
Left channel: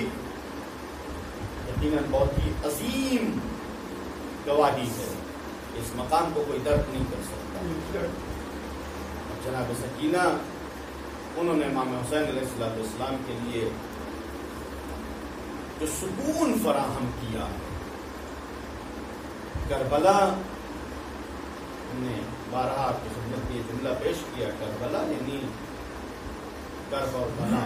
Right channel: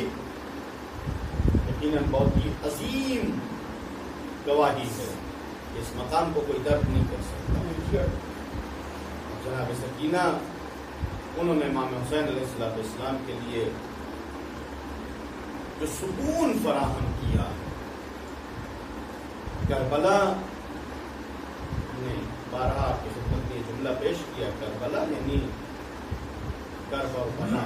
یقیناً بہت ہی عظیم گواہی ہے، اس مقام کو کوئی درک نہیں کر سکتا۔ جناب سکینہ انہوں نے امام حسین علیہ السلام کے لیے جو سکون فراہم کیا ہے، کربلا نے بارہا آپ کی خدمت میں یہ جملہ پیش کیا، کربلا یعنی کرب اور بلا،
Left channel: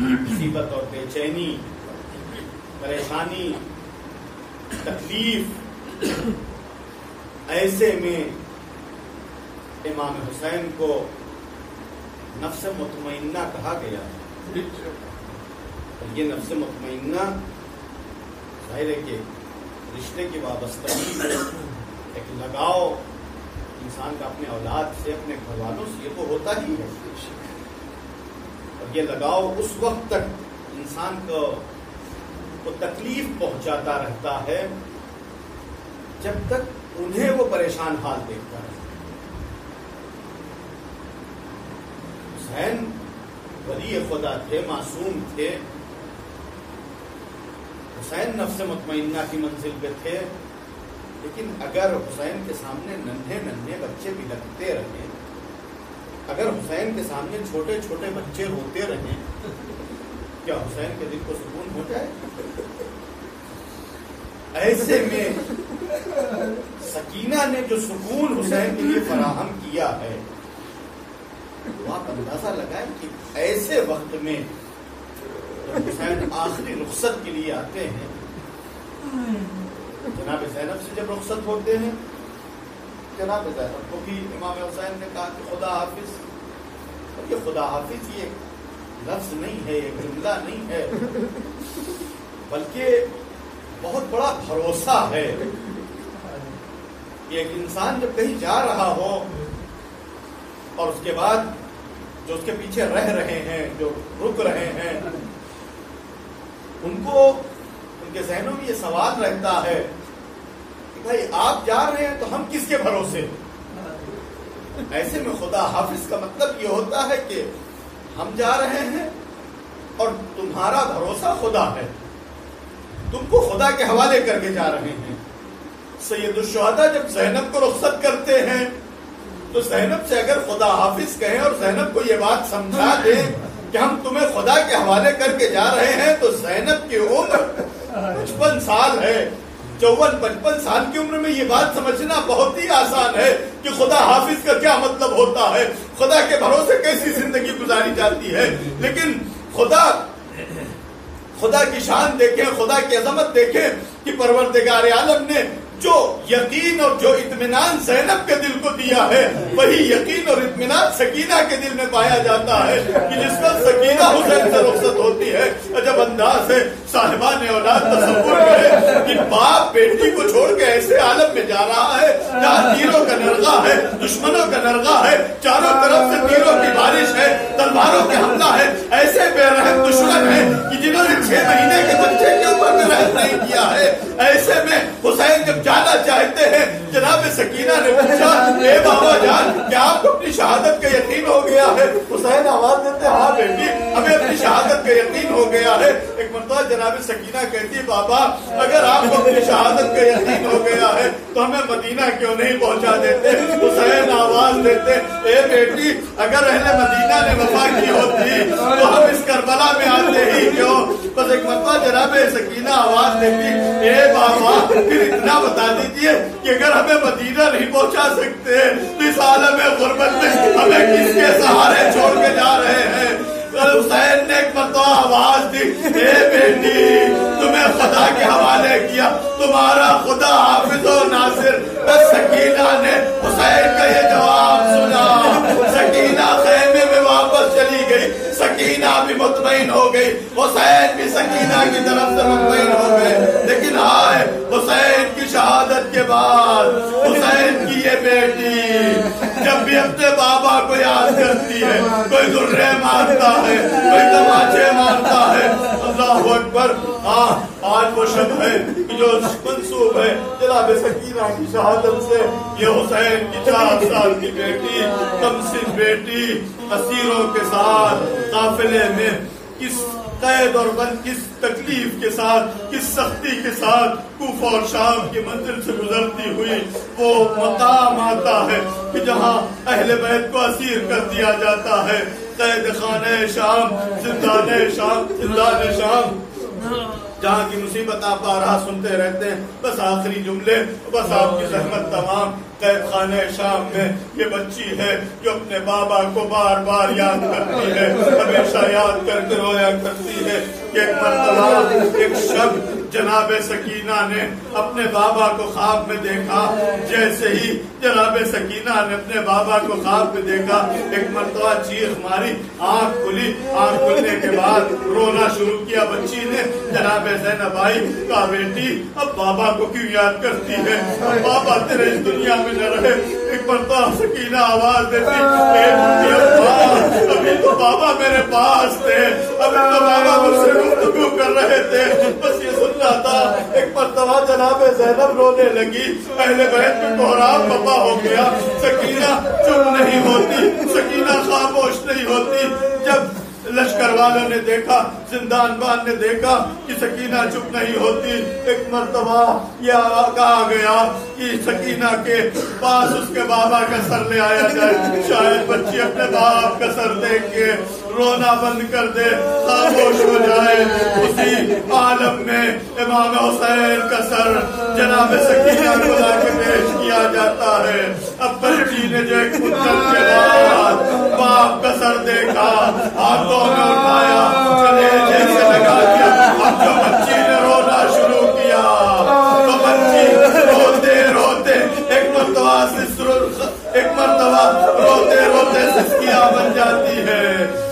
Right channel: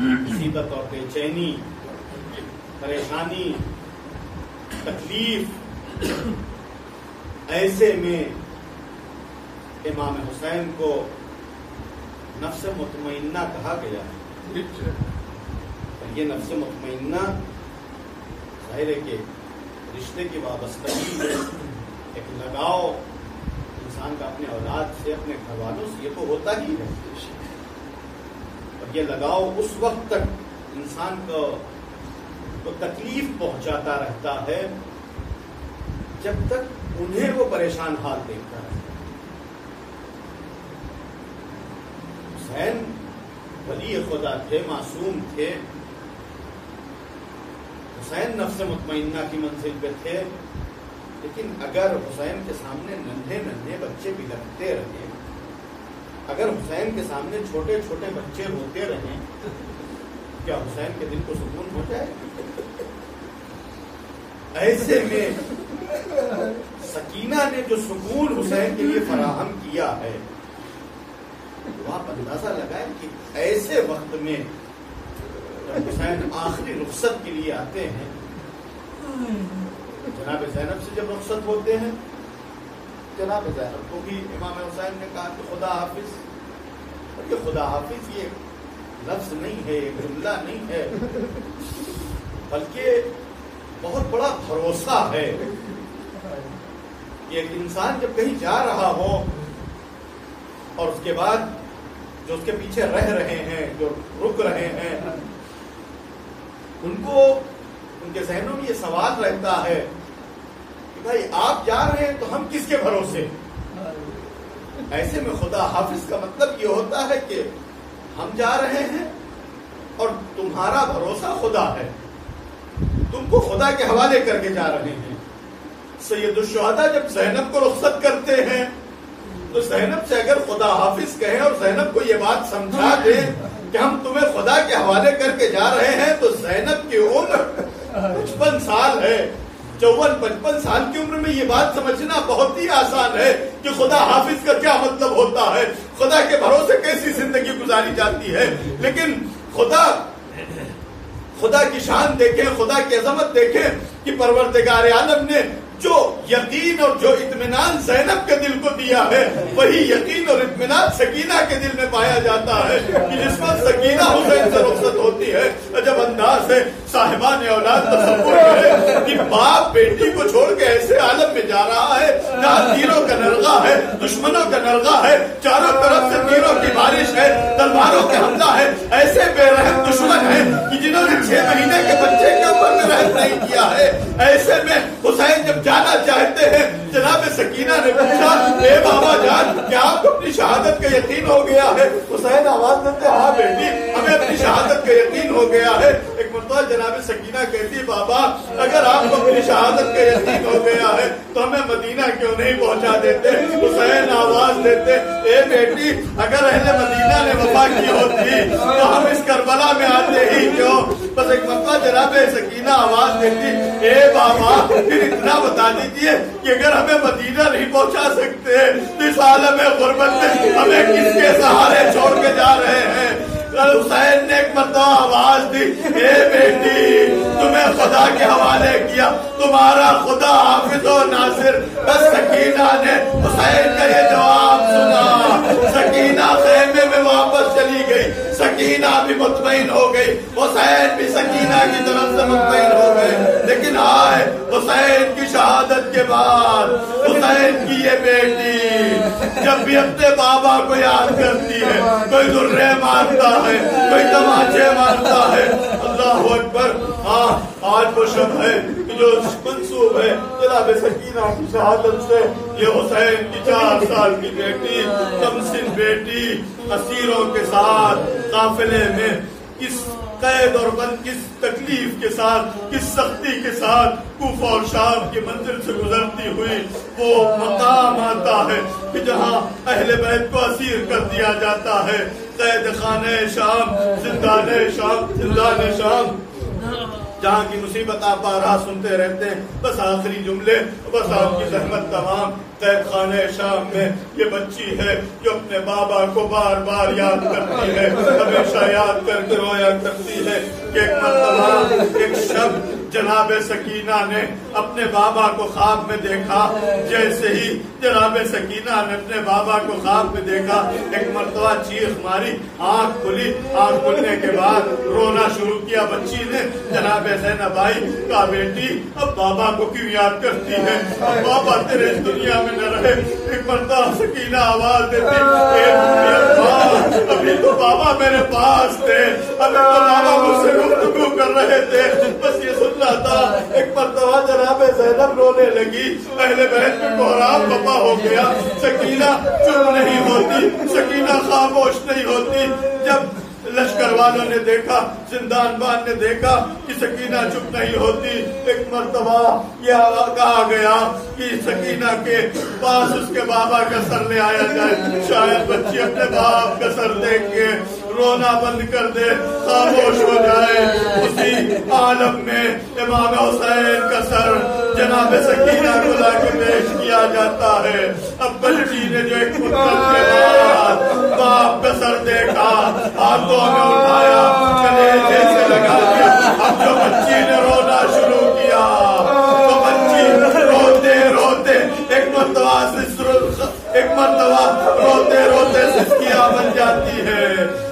مصیبت اور بے چینی، پریشانی، تکلیف، ایسے میں امام حسین کو نفس مطمئنہ کہا گیا ہے۔ اور یہ نفس مطمئنہ ظاہر ہے کہ رشتے کی وابستگی، ایک لگاؤ انسان کا اپنے اولاد سے، اپنے گھر والوں سے، یہ تو ہوتا ہی ہے۔ اور یہ لگاؤ اس وقت تک انسان کو تکلیف پہنچاتا رہتا ہے جب تک انہیں وہ پریشان حال دیکھتا ہے۔ حسین ولی خدا تھے، معصوم تھے، حسین نفس مطمئنہ کی منزل پہ تھے، لیکن اگر حسین کے سامنے ننھے ننھے بچے بلکتے رہے، اگر حسین کے سامنے چھوٹے چھوٹے بچے روتے رہیں، کیا حسین کے دل کو سکون ہو جائے؟ ایسے میں سکینہ نے جو سکون حسین کے لیے فراہم کیا ہے، تو آپ اندازہ لگائیں کہ ایسے وقت میں جب حسین آخری رخصت کے لیے آتے ہیں، جناب زینب سے جب رخصت ہوتے ہیں، جناب زینب کو بھی امام حسین نے کہا کہ خدا حافظ، اور یہ خدا حافظ یہ لفظ نہیں ہے، یہ جملہ نہیں ہے، بلکہ بہت بڑا بھروسہ ہے کہ ایک انسان جب کہیں جا رہا ہو اور اس کے بعد جو اس کے پیچھے رہ رہے ہیں، جو رک رہے ہیں، ان کے ذہنوں میں یہ سوال رہتا ہے کہ بھائی آپ جا رہے ہیں تو ہم کس کے بھروسے؟ ایسے میں خدا حافظ کا مطلب یہ ہوتا ہے کہ ہم جا رہے ہیں اور تمہارا بھروسہ خدا ہے، تم کو خدا کے حوالے کر کے جا رہے ہیں۔ سید الشہداء جب زینب کو رخصت کرتے ہیں تو زینب سے اگر خدا حافظ کہیں اور زینب کو یہ بات سمجھا دیں کہ ہم تمہیں خدا کے حوالے کر کے جا رہے ہیں، تو زینب کی عمر 55 سال ہے، 54-55 سال کی عمر میں یہ بات سمجھنا بہت ہی آسان ہے کہ خدا حافظ کا کیا مطلب ہوتا ہے، خدا کے بھروسے کیسی زندگی گزاری جاتی ہے۔ لیکن خدا کی شان دیکھیں، خدا کی عظمت دیکھیں کہ پروردگار عالم نے جو یقین اور جو اطمینان زینب کے دل کو دیا ہے، وہی یقین اور اطمینان سکینہ کے دل میں پایا جاتا ہے کہ جس میں سکینہ حسین سے رخصت ہوتی ہے۔ عجب انداز ہے صاحبان اولاد تصور کرے کہ باپ بیٹی کو چھوڑ کے ایسے عالم میں جا رہا ہے جہاں تیروں کا نرغہ ہے، دشمنوں کا نرغہ ہے، چاروں طرف سے تیروں کی بارش ہے، تلواروں کے حملہ ہے، ایسے بے رحم دشمن ہیں کہ جنہوں نے 6 مہینے کے بچے کے اوپر میں رحم نہیں کیا ہے۔ ایسے میں حسین جب جانا چاہتے ہیں، جناب سکینہ نے پوچھا اے بابا جان کیا آپ کو اپنی شہادت کا یقین ہو گیا ہے؟ حسین آواز دیتے ہاں بیٹی ہمیں اپنی شہادت کا یقین ہو گیا ہے۔ ایک مرتبہ جناب سکینہ کہتی بابا اگر آپ کو اپنی شہادت کا یقین ہو گیا ہے تو ہمیں مدینہ کیوں نہیں پہنچا دیتے؟ حسین آواز دیتے اے بیٹی اگر اہل مدینہ نے وفا کی ہوتی تو ہم اس کربلا میں آتے ہی کیوں؟ بس ایک مرتبہ جناب سکینہ آواز دیتی اے بابا پھر اتنا بتا دیجیے کہ اگر ہمیں مدینہ نہیں پہنچا سکتے تو اس عالم غربت میں ہمیں کس کے سہارے چھوڑ کے جا رہے ہیں؟ حسین نے ایک مرتبہ آواز دی اے بیٹی تمہیں خدا کے حوالے کیا، تمہارا خدا حافظ و ناصر۔ بس سکینہ نے حسین کا یہ جواب سنا، سکینہ خیمے میں واپس چلی گئی، سکینہ بھی مطمئن ہو گئی، حسین بھی سکینہ کی طرف سے مطمئن ہو گئے۔ لیکن آئے حسین کی شہادت کے بعد حسین کی یہ بیٹی جب بھی اپنے بابا کو یاد کرتی ہے، کوئی درے مارتا ہے، کوئی تماچے مارتا ہے، اللہ اکبر۔ آج وہ شب ہے جو منسوب ہے جناب سکینہ کی شہادت سے۔ یہ حسین کی 4 سال کی بیٹی، کمسن بیٹی، اسیروں کے ساتھ قافلے میں کس قید اور بند، کس تکلیف کے ساتھ، کس سختی کے ساتھ کوفہ اور شام کی منزل سے گزرتی ہوئی وہ مقام آتا ہے کہ جہاں اہل بیت کو اسیر کر دیا جاتا ہے۔ قید خانہ شام، زندان شام، زندان شام، جہاں کی مصیبت آپ آرہا سنتے رہتے ہیں۔ بس آخری جملے، بس آپ کی زحمت تمام۔ قید خانہ شام میں یہ بچی ہے جو اپنے بابا کو بار بار یاد کرتی ہے، ہمیشہ یاد کر کے رویا کرتی ہے کہ ایک مرتبہ ایک شب جناب سکینہ نے اپنے بابا کو خواب میں دیکھا۔ جیسے ہی جناب سکینہ نے اپنے بابا کو خواب میں دیکھا، ایک مرتبہ چیخ ماری، آنکھ کھلی، آنکھ کھلنے کے بعد رونا شروع کیا بچی نے۔ جناب زینب آئی، کہا بیٹی اب بابا کو کیوں یاد کرتی ہے؟ بابا تیرے اس دنیا میں نہ رہے۔ ایک مرتبہ سکینہ آواز دیتی اے ممی ابا ابھی تو بابا میرے پاس تھے، ابھی تو بابا مجھ سے گفتگو کر رہے تھے، بس یہ سن رہا تھا۔ ایک مرتبہ جناب زینب رونے لگی، اہل بیت میں کوہرام بپا ہو گیا۔ سکینہ چپ نہیں ہوتی، سکینہ خاموش نہیں ہوتی۔ جب لشکر والوں نے دیکھا، زندان بان نے دیکھا کہ سکینہ چپ نہیں ہوتی، ایک مرتبہ یہ کہا گیا کہ سکینہ کے پاس اس کے بابا کا سر لے آیا جائے، شاید بچی اپنے باپ کا سر دیکھ کے رونا بند کر دے، خاموش ہو جائے۔ اسی عالم میں امام حسین کا سر جناب سکینہ کو لا کے پیش کیا جاتا ہے۔ اب بچی نے جو ایک مدت کے بعد باپ کا سر دیکھا، ہاتھوں میں اٹھایا، کلیجے سے لگا دیا۔ اب جو بچی نے رونا شروع کیا تو بچی روتے روتے ایک مرتبہ روتے روتے سسکیاں بن جاتی ہے،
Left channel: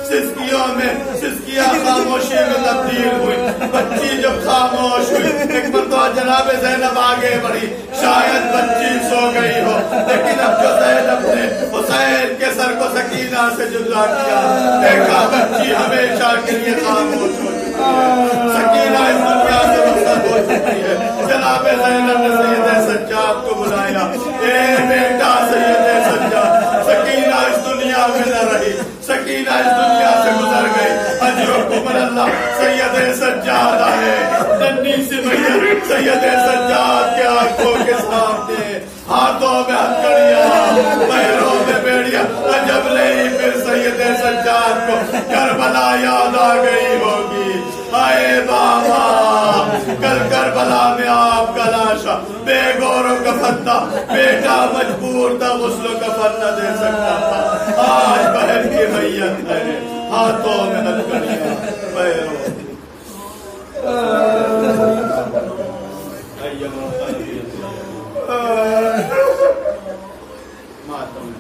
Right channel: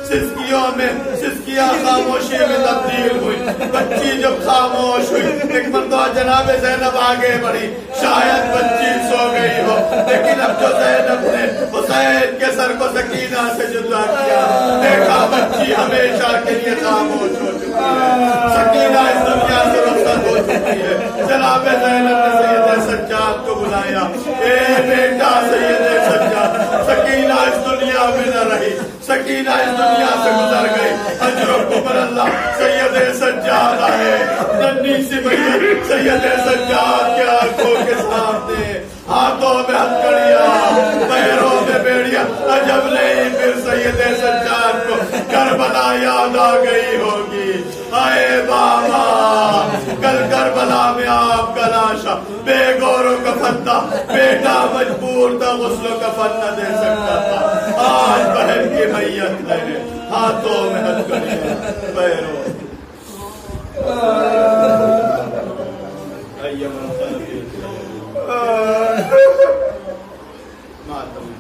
سسکیاں آنکھیوں میں سسکیاں خاموشی میں تبدیل ہوئی. بچی جب خاموش ہوئی ایک مرتبہ جناب زینب آگے بڑھی. شاید بچی سو گئی ہو لیکن اب جو زینب نے حسین کے سر کو سکینہ سے جدا کیا دیکھا بچی ہمیشہ کے لیے خاموش ہو چکی ہے. سکینہ اس دنیا سے رخصت ہو چکی ہے. جناب زینب نے سید سجاد کو بلایا. اے بیٹا سید سجاد, سکینہ اس دنیا میں نہ رہی, سکینہ اس دنیا سے گزر گئی. اجرکم اللہ. سید سجاد آئے. ننھی سی میت سید سجاد کے آنکھوں کے سامنے, ہاتھوں میں ہتھکڑیاں, پیروں میں بیڑیاں. عجب نہیں پھر سید سجاد کو کربلا یاد آ گئی ہوگی. آئے بابا, کل کربلا میں آپ کا لاشا بے گور و کفن تھا, بیٹا مجبور تھا غسل و کفن نہ دے سکتا تھا. آج بہن کی میت ہے, ہاتھوں میں ہتھکڑیاں, پیروں ماتم.